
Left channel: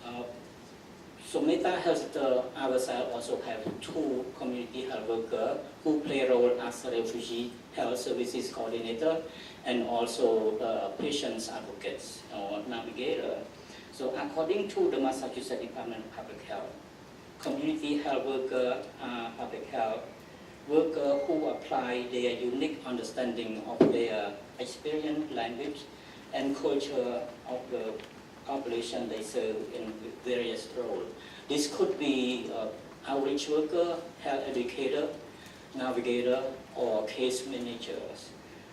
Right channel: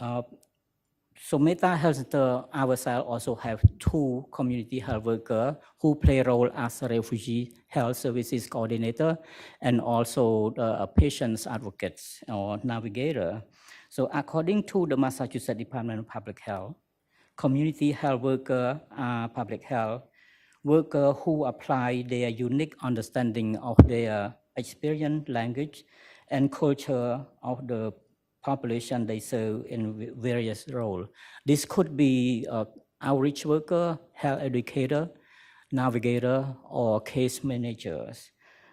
So Metta Health ourselves also have 2 community health workers who play a role as a refugee health services coordinator and also patients advocates or navigator. So according to the Massachusetts Department of Public Health, community health workers are public health workers who apply their unique understanding of their experience, language, and culture of the population they serve in various roles. This could be outreach worker, health educator, navigator, or case managers.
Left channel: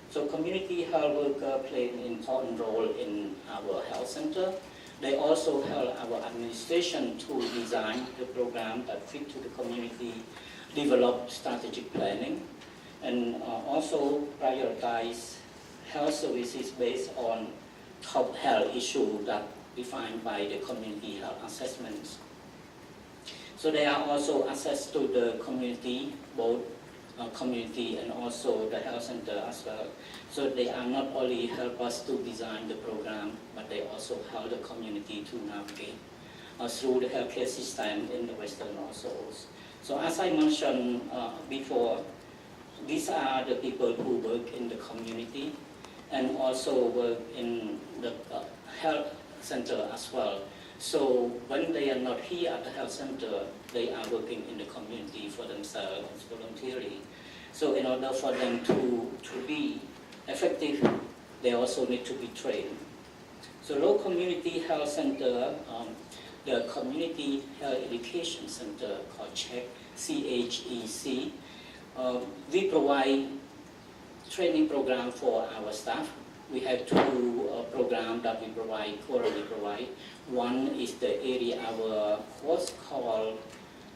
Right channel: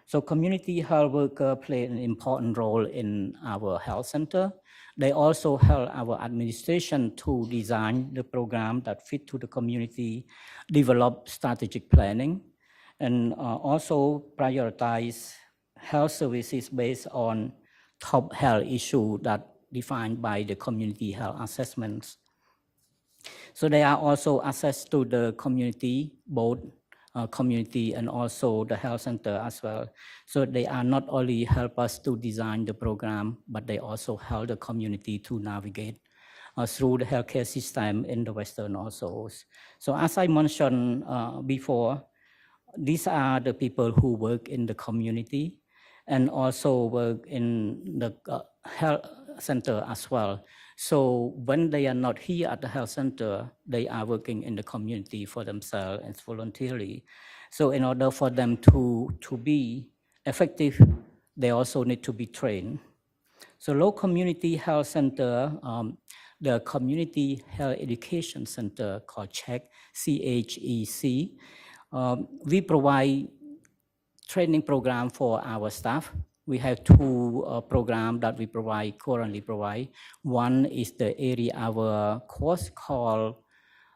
So community health workers play an important role in our health center. They also help our administration to design the program that fit to the community, develop strategic planning, and also prioritize health services based on top health issues that defined by the community health assessments. So they are also assessed to the community, both community and also the health center as well. So they are not only help us to design the program, but they also help the community to navigate through the healthcare system in the Western also. So as I mentioned before, these are the people who work in the community and also work in the health center as well. So when they are not here at the health center, they are working in the community for themselves and voluntarily. So in order for them to be effective, they also need to be trained. So Lowell Community Health Center, the Community Health Education Center called CHEC, we provide training program for our staff. We have two programs that we currently provide. One is the area hour course called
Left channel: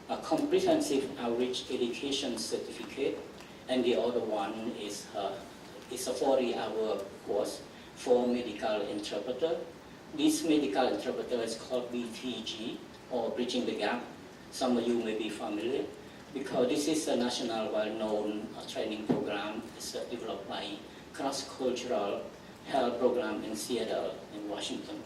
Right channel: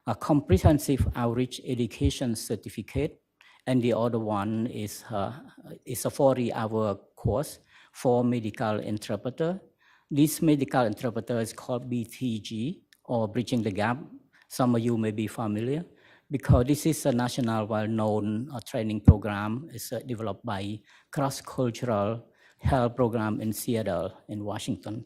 a Comprehensive Outreach Education Certificate, and the other one is a 40-hour course for medical interpreter. This medical interpreter is called BTG, or Bridging the Gap. Some of you may be familiar, because this is a national well-known training program. It's developed by cross-cultural health program in Seattle, in Washington.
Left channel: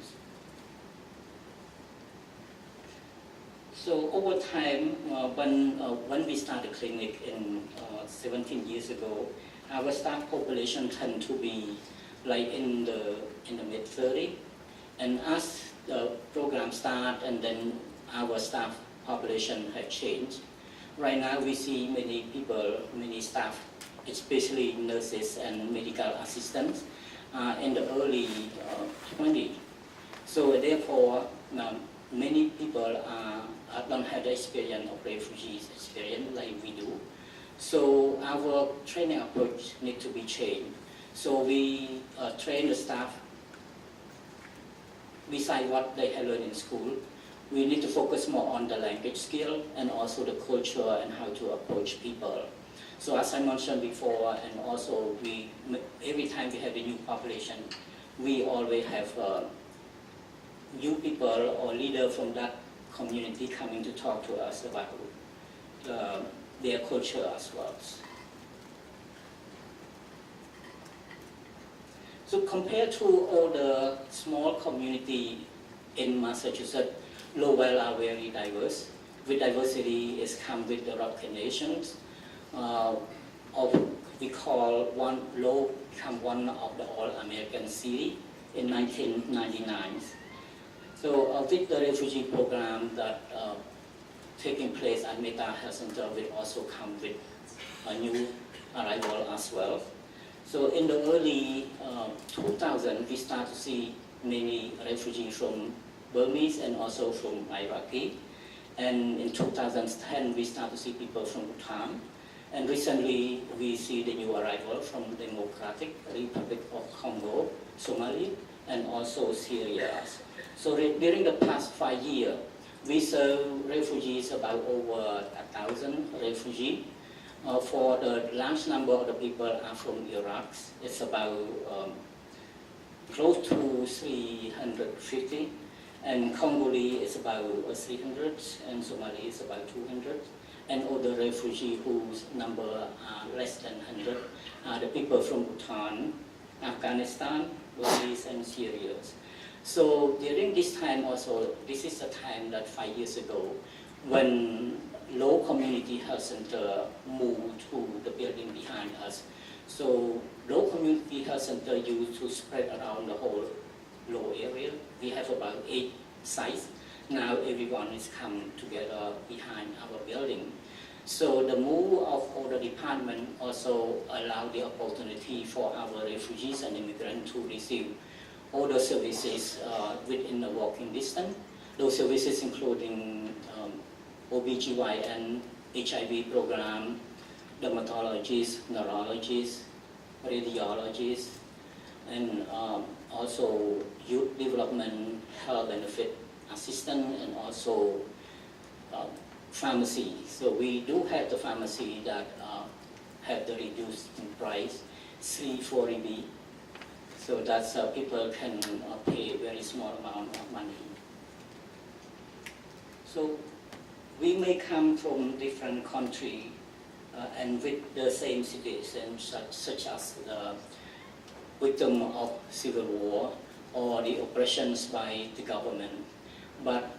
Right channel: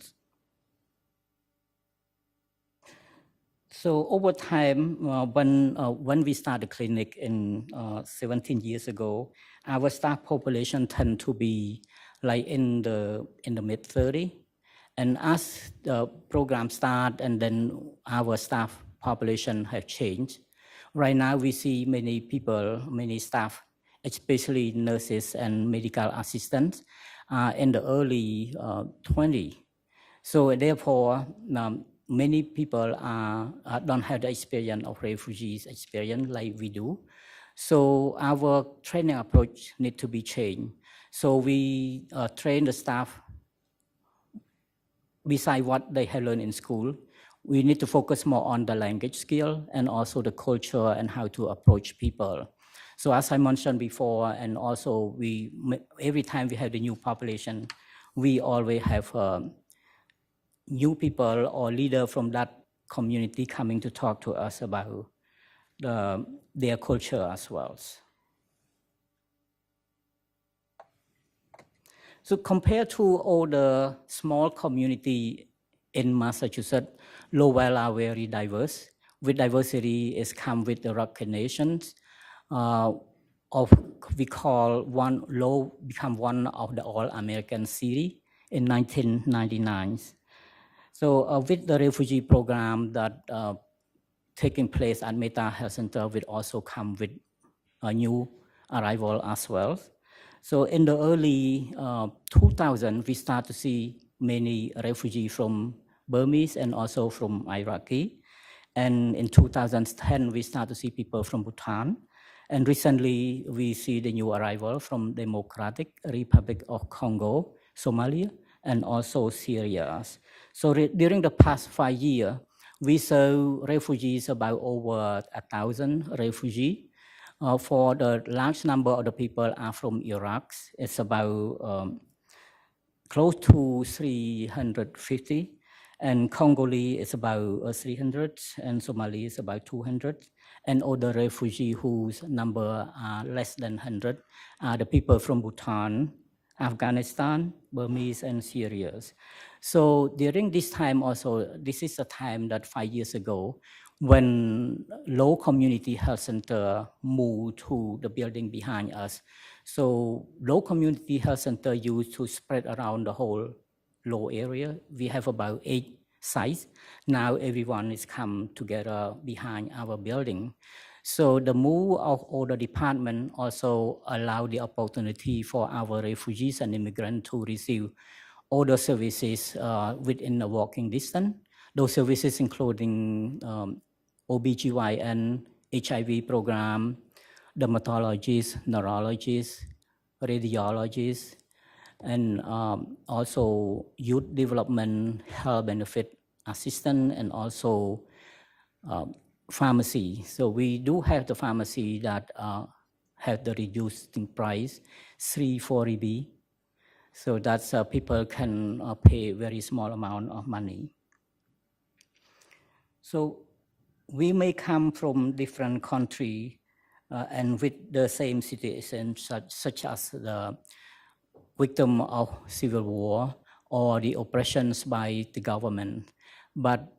So over time, when we started the clinic in 17 years ago, our staff population tend to be like in the mid-30s. And as the program started, and then our staff population have changed. Right now we see many people, many staff, especially nurses and medical assistants, in the early 20s. So therefore, many people don't have the experience of refugees experience like we do. So our training approach needs to be changed. So we train the staff besides what they have learned in school. We need to focus more on the language skill and also the culture and how to approach people. So as I mentioned before, and also every time we have the new population, we always have new people or leader from that community coming to talk to us about their culture as well. So compared to all the small community in Massachusetts, Lowell are very diverse. With diversity is come with the recognitions we call Lowell become one of the all-American city in 1999. So with the refugee program that taking place at Metta Health Center will also come with a new arrival as well. So in the early 2000, we start to see many refugees from Burmese and also from Iraqi. And in 2010, we start to see people from Bhutan. And recently, we see the new arrival from Democratic Republic of Congo, Somalia, and also Syria. So during the past 5 years, we saw refugees about over 1,000 refugees. For the large number of the people are from Iraq. It's about close to 350. And Congolese is about 300, and Somali is about 200. And other refugees whose number are less than 100 are the people from Bhutan, Afghanistan, Burmese, and Syria. So during this time also, this is the time that 5 years ago, when Lowell Community Health Center moved to the building behind us. So Lowell Community Health Center used to spread around the whole Lowell area. We have about 8 sites. Now everyone is come together behind our building. So the move of all the department also allow the opportunity for our refugees and immigrants to receive all the services within a walking distance. Those services including OBGYN, HIV program, dermatologists, neurologists, radiologists, and also youth development, health benefit assistant, and also pharmacy. So we do have the pharmacy that have the reduced in price, 340B. So that people can pay very small amount of money. So we may come from different country and with the same situation such as the victim of civil war or the oppressions by the government. But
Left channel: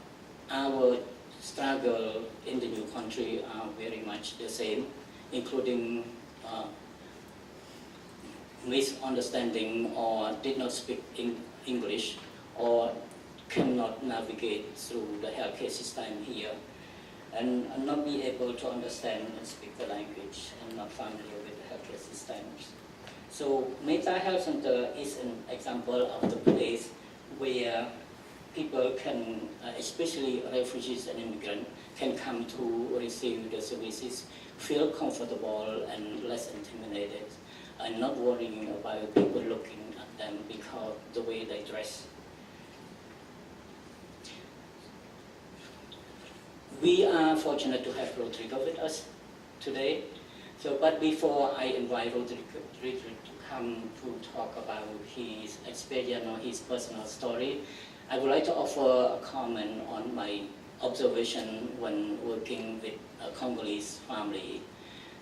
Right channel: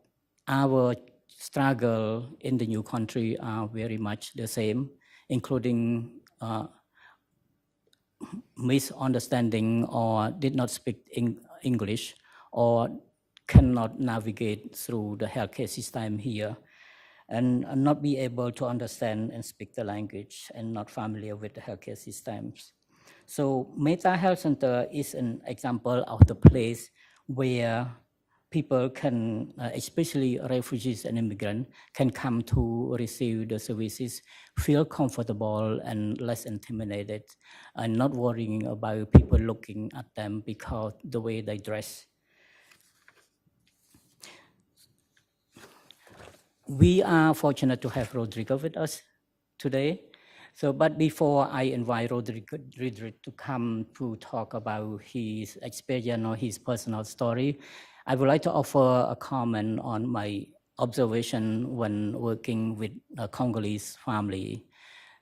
our struggle in the new country are very much the same, including misunderstanding or did not speak English or cannot navigate through the healthcare system here and not be able to understand and speak the language and not familiar with the healthcare systems. So Metta Health Center is an example of the place where people can, especially refugees and immigrants, can come to receive the services, feel comfortable and less intimidated, and not worrying about people looking at them because the way they dress. We are fortunate to have Rodrigue with us today. So, but before I invite Rodrigue to come to talk about his experience or his personal story, I would like to offer a comment on my observation when working with a Congolese family.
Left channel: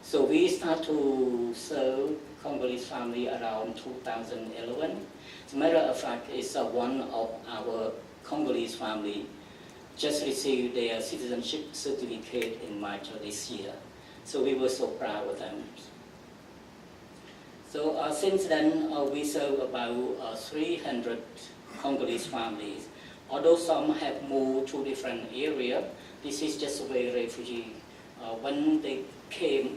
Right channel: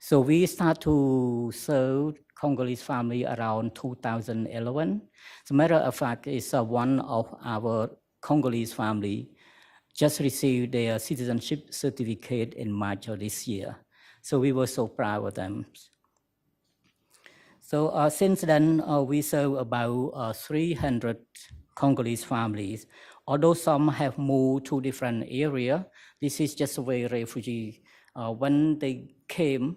So we start to serve Congolese family around 2011. As a matter of fact, it's one of our Congolese family just received their citizenship certificate in March of this year. So we were so proud of them. So since then, we serve about 300 Congolese families. Although some have moved to different areas, this is just the way refugees, when they came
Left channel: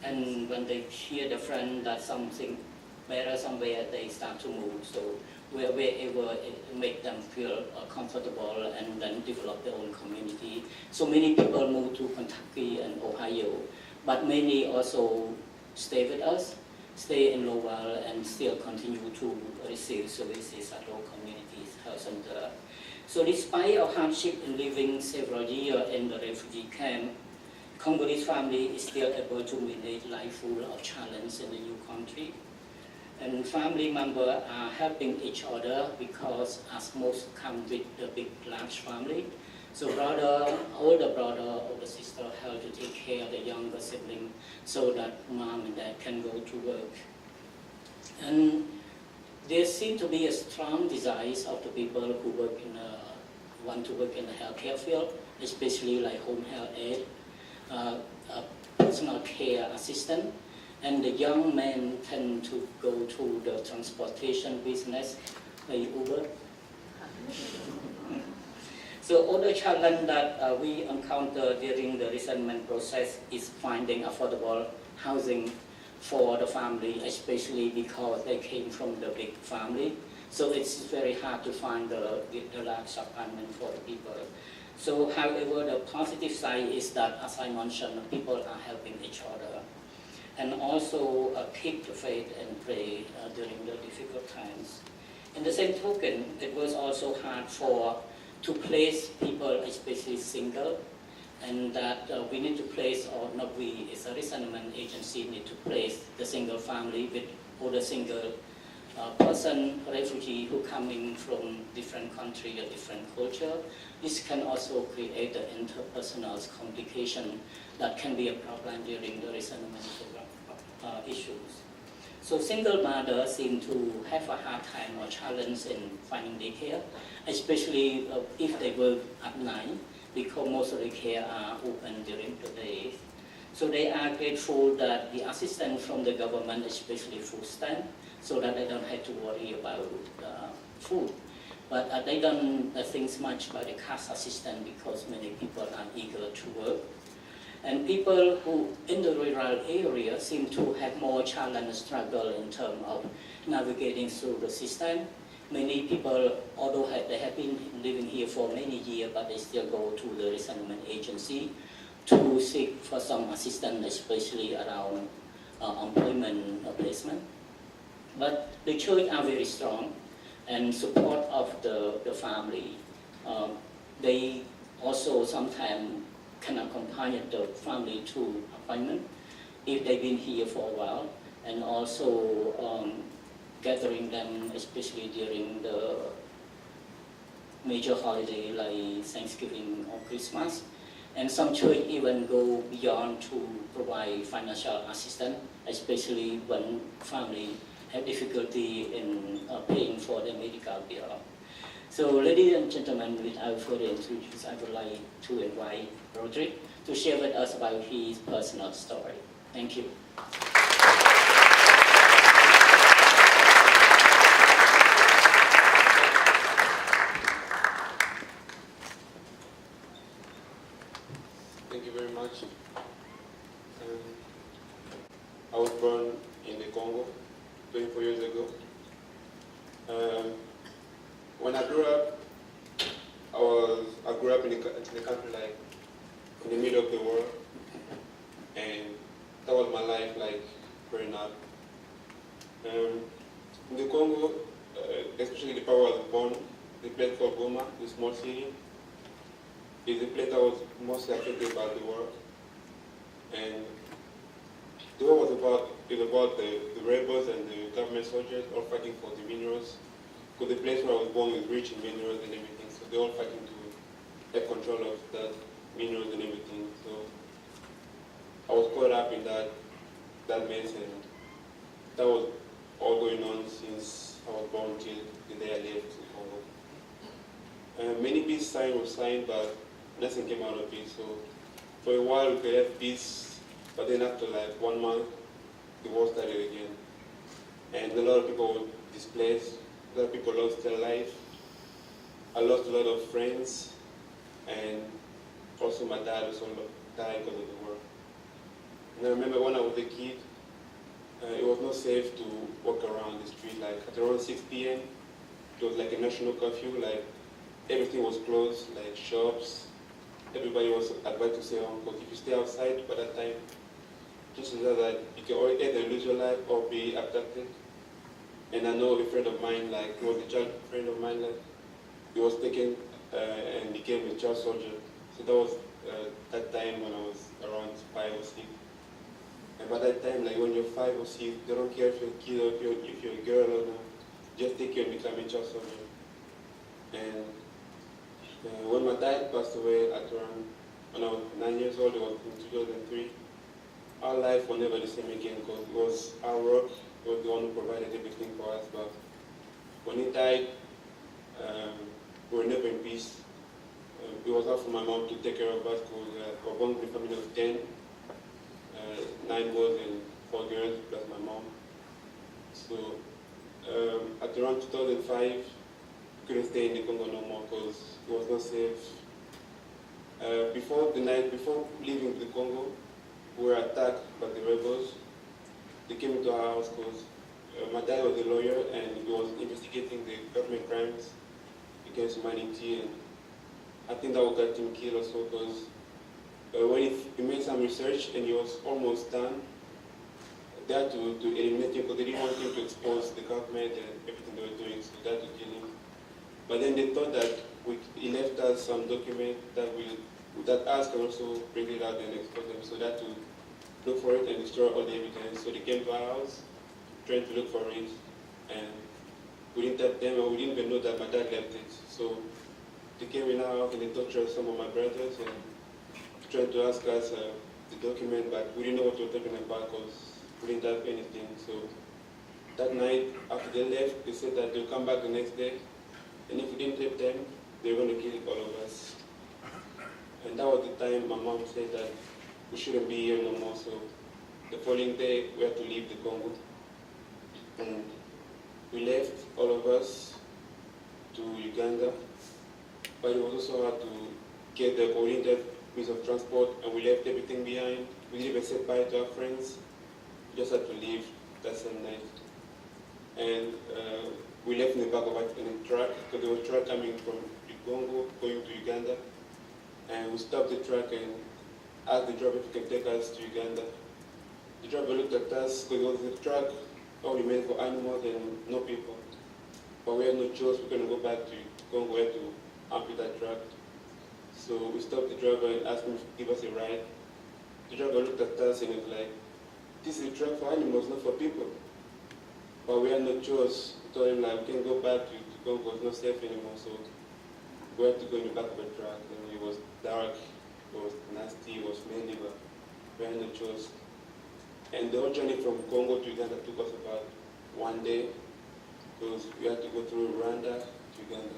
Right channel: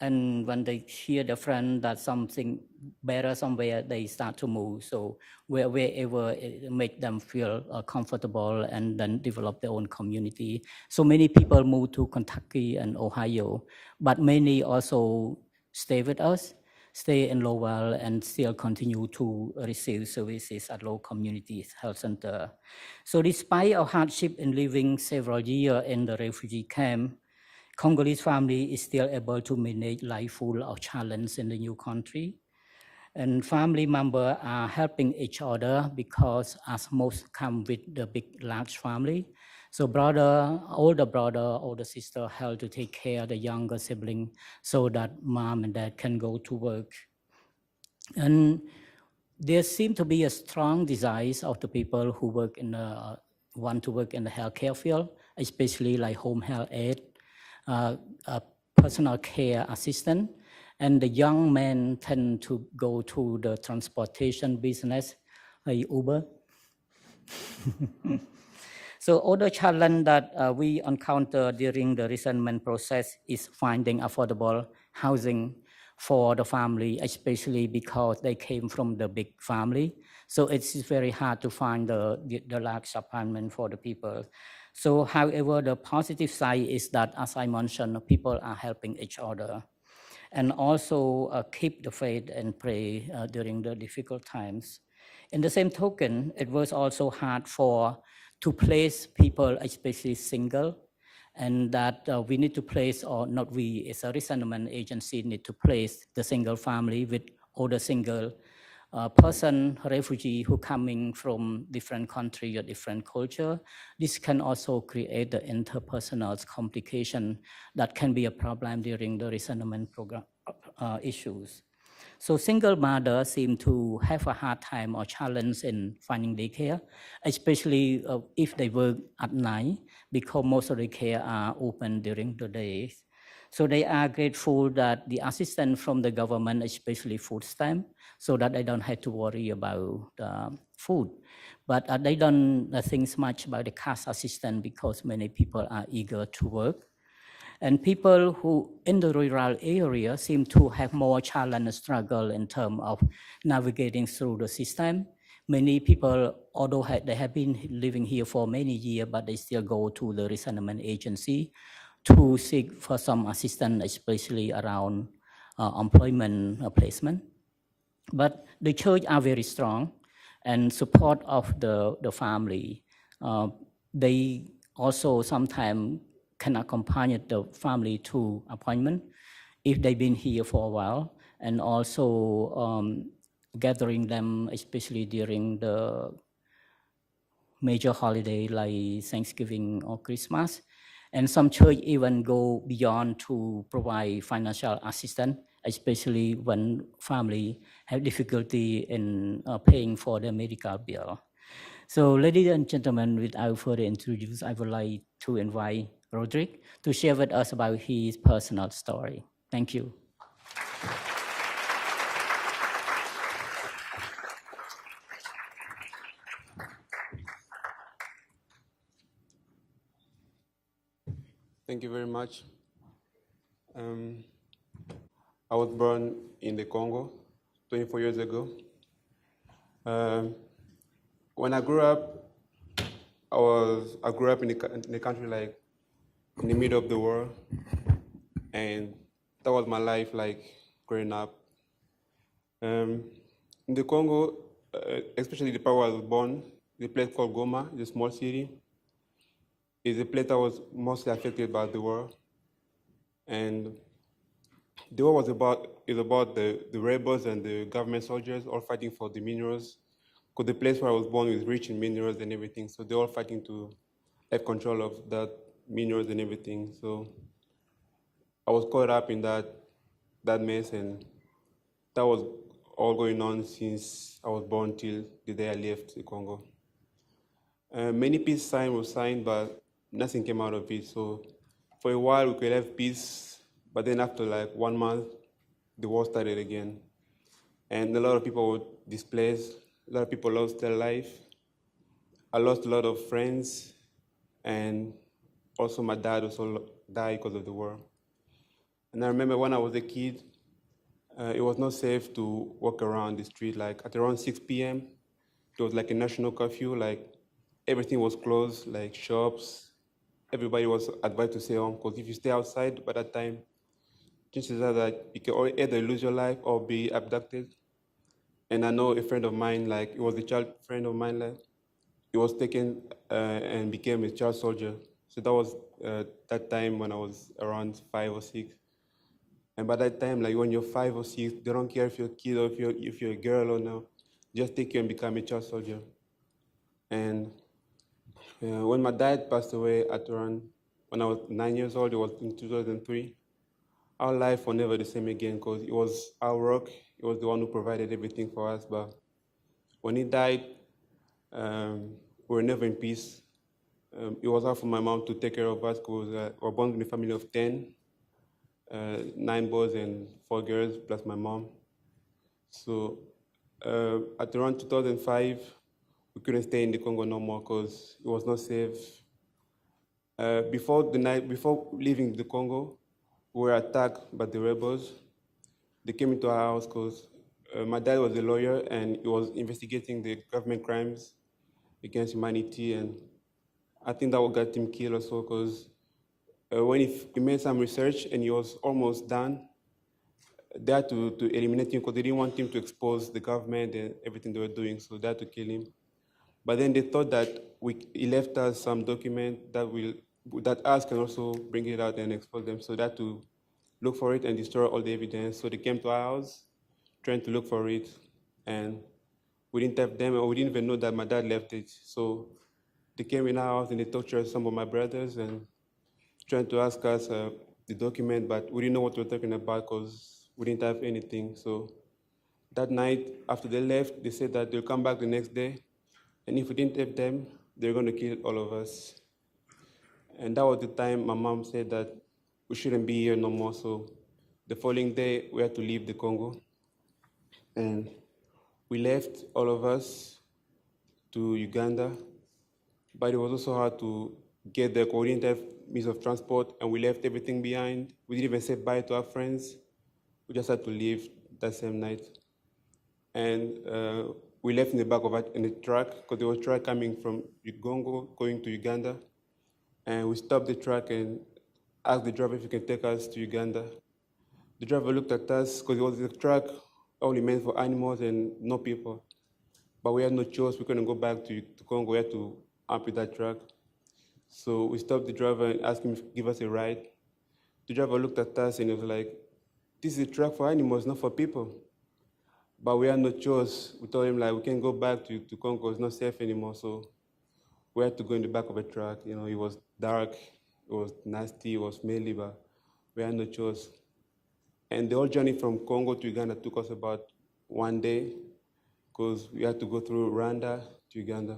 and when they hear the friend that something better somewhere, they start to move. So wherever it make them feel comfortable and then develop their own community. So many people move to Kentucky and Ohio, but many also stay with us, stay in Lowell and still continue to receive services at Lowell Community Health Center. So despite of hardship in living several years in the refugee camp, Congolese family is still able to manage life full of challenge in the new country. And family members are helping each other because as most come with the big, large family. So older sister help to take care of the younger sibling so that mom and dad can go to work. And there seems to be a strong desire of the people who want to work in the healthcare field, especially like home health aide, personal care assistant, and the young men tend to go to the transportation business, like Uber. So other challenge that we encounter during the resettlement process is finding affordable housing for the family, especially because they came from the big family. So it's very hard to find the large apartment for the people. So however, the positive side is that, as I mentioned, people are helping each other. And also keep the faith and pray during the difficult times. In the same token, it was also hard to place people, especially single, and that we need to place, or not we, as a resettlement agency, need to place the single family with other single person, refugee who coming from different country or different culture. This can also create the interpersonal complication that can be a problem during the resettlement program issues. So single mothers seem to have a hard time or challenge in finding daycare, especially if they work at night, because most of the care are open during the day. So they are grateful that the assistance from the government, especially food stamp, so that they don't have to worry about food. But they don't think much about the cash assistance because many people are eager to work. And people who in the rural area seem to have more challenge and struggle in terms of navigating through the system. Many people, although they have been living here for many years, but they still go to the resettlement agency to seek for some assistance, especially around employment placement. But the church are very strong and support of the family. They also sometimes can accompany the family to appointment if they've been here for a while, and also gathering them, especially during the major holiday like Thanksgiving or Christmas. And some church even go beyond to provide financial assistance, especially when family have difficulty in paying for their medical bill. So ladies and gentlemen, without further introduction, I would like to invite Rodrigue to share with us about his personal story. Thank you. Thank you very much. I was born in the Congo 24 years ago. When I grew up, I grew up in the country, like in the middle of the world, and that was my life, like growing up. In the Congo, especially the part where I was born, the place called Goma, the small city, is the place that was mostly affected by the war. And the war was about the rebels and the government soldiers all fighting for the minerals. Because the place where I was born is rich in minerals and everything, so they're all fighting to have control of that minerals and everything. So I was caught up in that mess, and that was all going on since I was born till the day I left the Congo. Many peace signs were signed, but nothing came out of it. So for a while we could have peace, but then after like 1 month, the war started again. And a lot of people were displaced, a lot of people lost their life. I lost a lot of friends, and also my dad also died because of the war. And I remember when I was a kid, it was not safe to walk around the street. Like at around 6 p.m., it was like a national curfew, like everything was closed, like shops. Everybody was advised to stay home, because if you stay outside by that time, chances are that you can either lose your life or be abducted. And I know a friend of mine, like it was a child friend of mine, that he was taken and became a child soldier. So that was that time when I was around 5 or 6. And by that time, like when you're 5 or 6, they don't care if you're a kid or if you're a girl or no. Just take you and become a child soldier. And when my dad passed away at around, when I was 9 years old, it was in 2003, our life was never the same again, because it was our work, he was the one who provided everything for us. But when he died, we were never in peace. It was hard for my mom to take care of us, because we were born in a family of 10, 9 boys and 4 girls, plus my mom. So at around 2005, we couldn't stay in the Congo no more because it was not safe. Before leaving the Congo, we were attacked by the rebels. They came into our house because my dad was a lawyer and he was investigating the government crimes against humanity, and I think that would got him killed also, because when he made some research and he was almost done, they had to eliminate him because they didn't want him to expose the government and everything they were doing, so they had to kill him. But then they thought that he left us some document that us can also bring it out and expose them, so they had to look for it and destroy all the evidence. So they came to our house trying to look for it, and we didn't have them, or we didn't even know that my dad left it. So they came in our house and they tortured some of my brothers and tried to ask us the document, but we didn't know what we were talking about because we didn't have anything. So that night, after they left, they said that they'll come back the next day, and if we didn't have them, they were going to kill all of us. And that was the time my mom said that we shouldn't be here no more. So the following day, we had to leave the Congo. And we left, all of us, to Uganda. But it was also hard to get there because we didn't have means of transport, and we left everything behind. We didn't even say bye to our friends. We just had to leave that same night. And we left in the back of it in a truck, because there was a truck coming from Congo going to Uganda. And we stopped the truck and asked the driver if he can take us to Uganda. The driver looked at us, because it was a truck only meant for animals and no people. But we had no choice. We couldn't go back to Congo. We had to up with that truck. So we stopped the driver and asked him to give us a ride. The driver looked at us and was like, "This is a truck for animals, not for people." But we had no choice. We told him, like, we can't go back to Congo. It's not safe anymore. So we had to go in the back of a truck. You know, it was dark. It was nasty, it was smelly, but we had no choice. And the whole journey from Congo to Uganda took us about 1 day because we had to go through Rwanda to Uganda.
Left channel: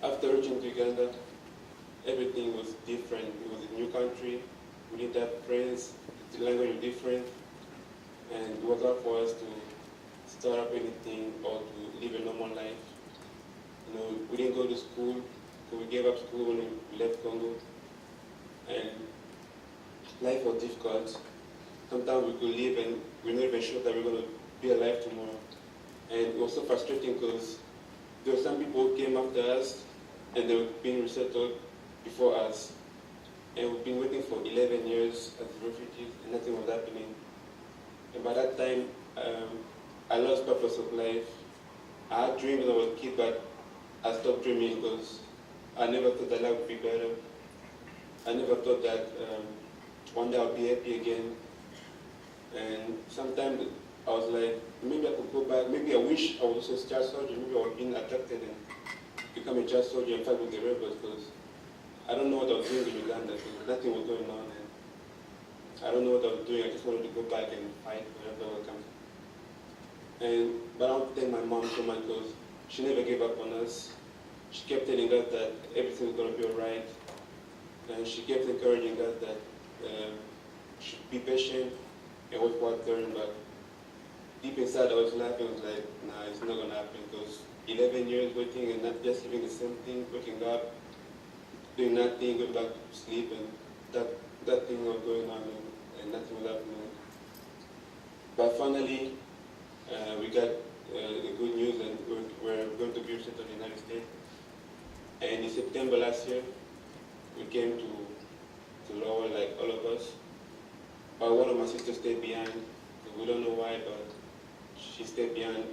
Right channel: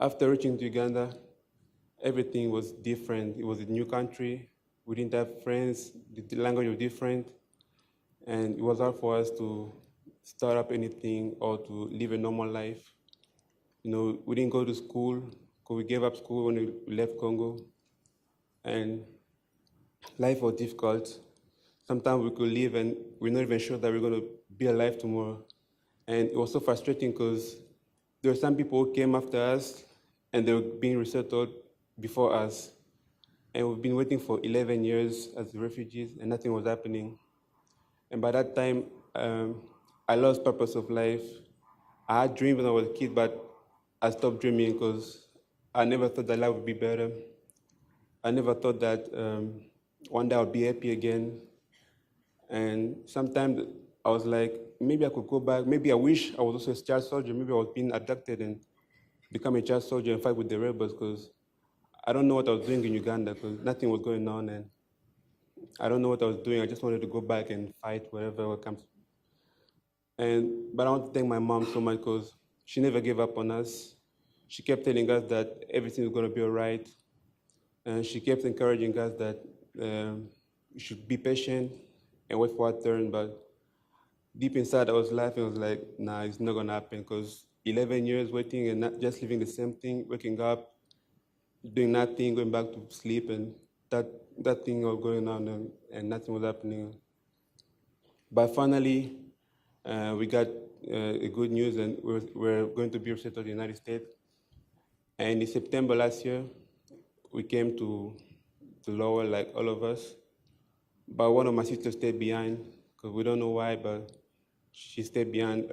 After reaching Uganda, everything was different. It was a new country. We didn't have friends. The language was different. And it was hard for us to start up anything or to live a normal life. You know, we didn't go to school because we gave up school when we left Congo. And life was difficult. Sometimes we could live and we're not even sure that we're going to be alive tomorrow. And it was so frustrating because there were some people who came after us and they were being resettled before us. And we've been waiting for 11 years as refugees and nothing was happening. And by that time, I lost purpose of life. I had dreams when I was a kid, but I stopped dreaming because I never thought that life would be better. I never thought that one day I'll be happy again. And sometimes I was like, maybe I could go back. Maybe I wish I was also a child soldier. Maybe I was being abducted and become a child soldier and fight with the rebels because I don't know what I was doing in Uganda because nothing was going on and I don't know what I was doing. I just wanted to go back and fight wherever I come from. But I want to thank my mom so much because she never gave up on us. She kept telling us that everything is going to be all right. And she kept encouraging us that we should be patient and wait for our turn. But deep inside, I was laughing. I was like, nah, it's not going to happen because 11 years waiting and not just living the same thing, waking up, doing nothing, going back to sleep, and that thing was going on and nothing was happening. But finally, we got a good news and we're going to be resettled in the United States. And in September last year, we came to Lowell, like all of us. But one of my sisters stayed behind, because we don't know why, but she stayed behind.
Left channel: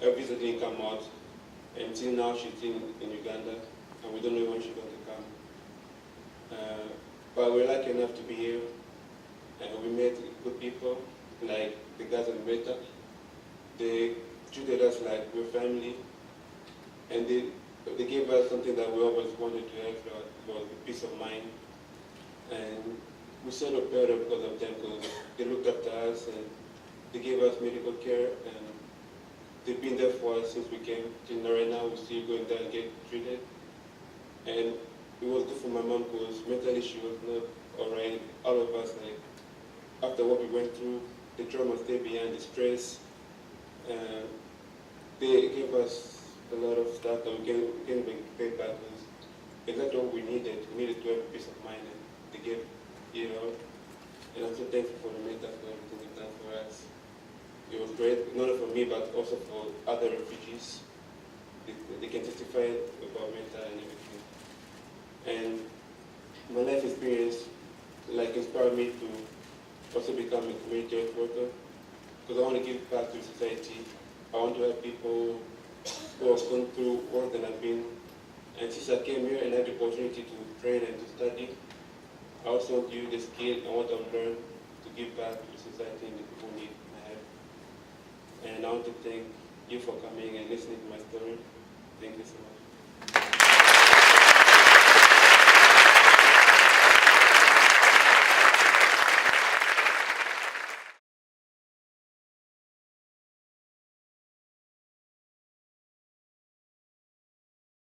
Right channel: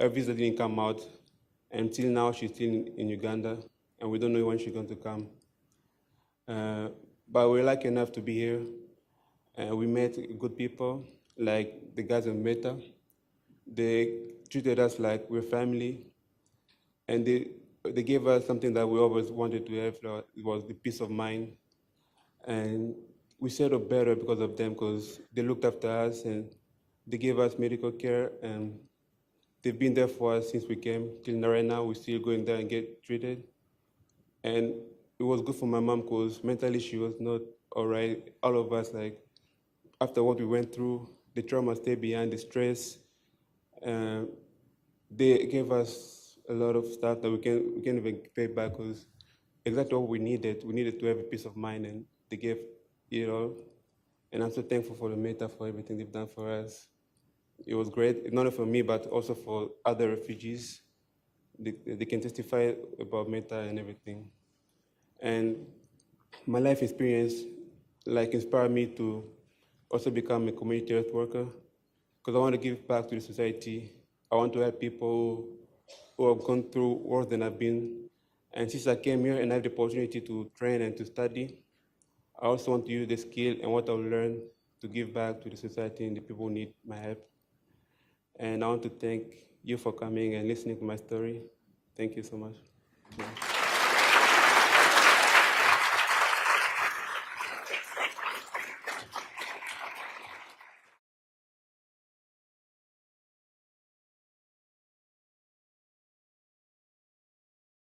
Her visa didn't come out. Until now, she's still in Uganda, and we don't know when she's going to come. But we're lucky enough to be here. We met good people, like the guys in Metta. They treated us like we're family, and they gave us something that we always wanted to have. It was the peace of mind, and we settled better because of them, because they looked after us and they gave us medical care, and they've been there for us since we came till right now. We're still going there and get treated, and it was good for my mom because mentally she was not all right. All of us, like after what we went through, the trauma stayed behind, the stress. They gave us a lot of stuff that we can't even pay back because exactly what we needed. We needed to have a peace of mind, and they gave it all. And I'm so thankful for the Metta for everything they've done for us. It was great, not only for me, but also for other refugees. They can testify about Metta and everything. And my life experience inspired me to also become a community health worker, because I want to give back to the society. I want to help people who have gone through worse than I've been. And since I came here and had the opportunity to train and to study, I also want to use the skill and what I've learned to give back to the society and the people who need my help. And I want to thank you for coming and listening to my story. Thank you so much.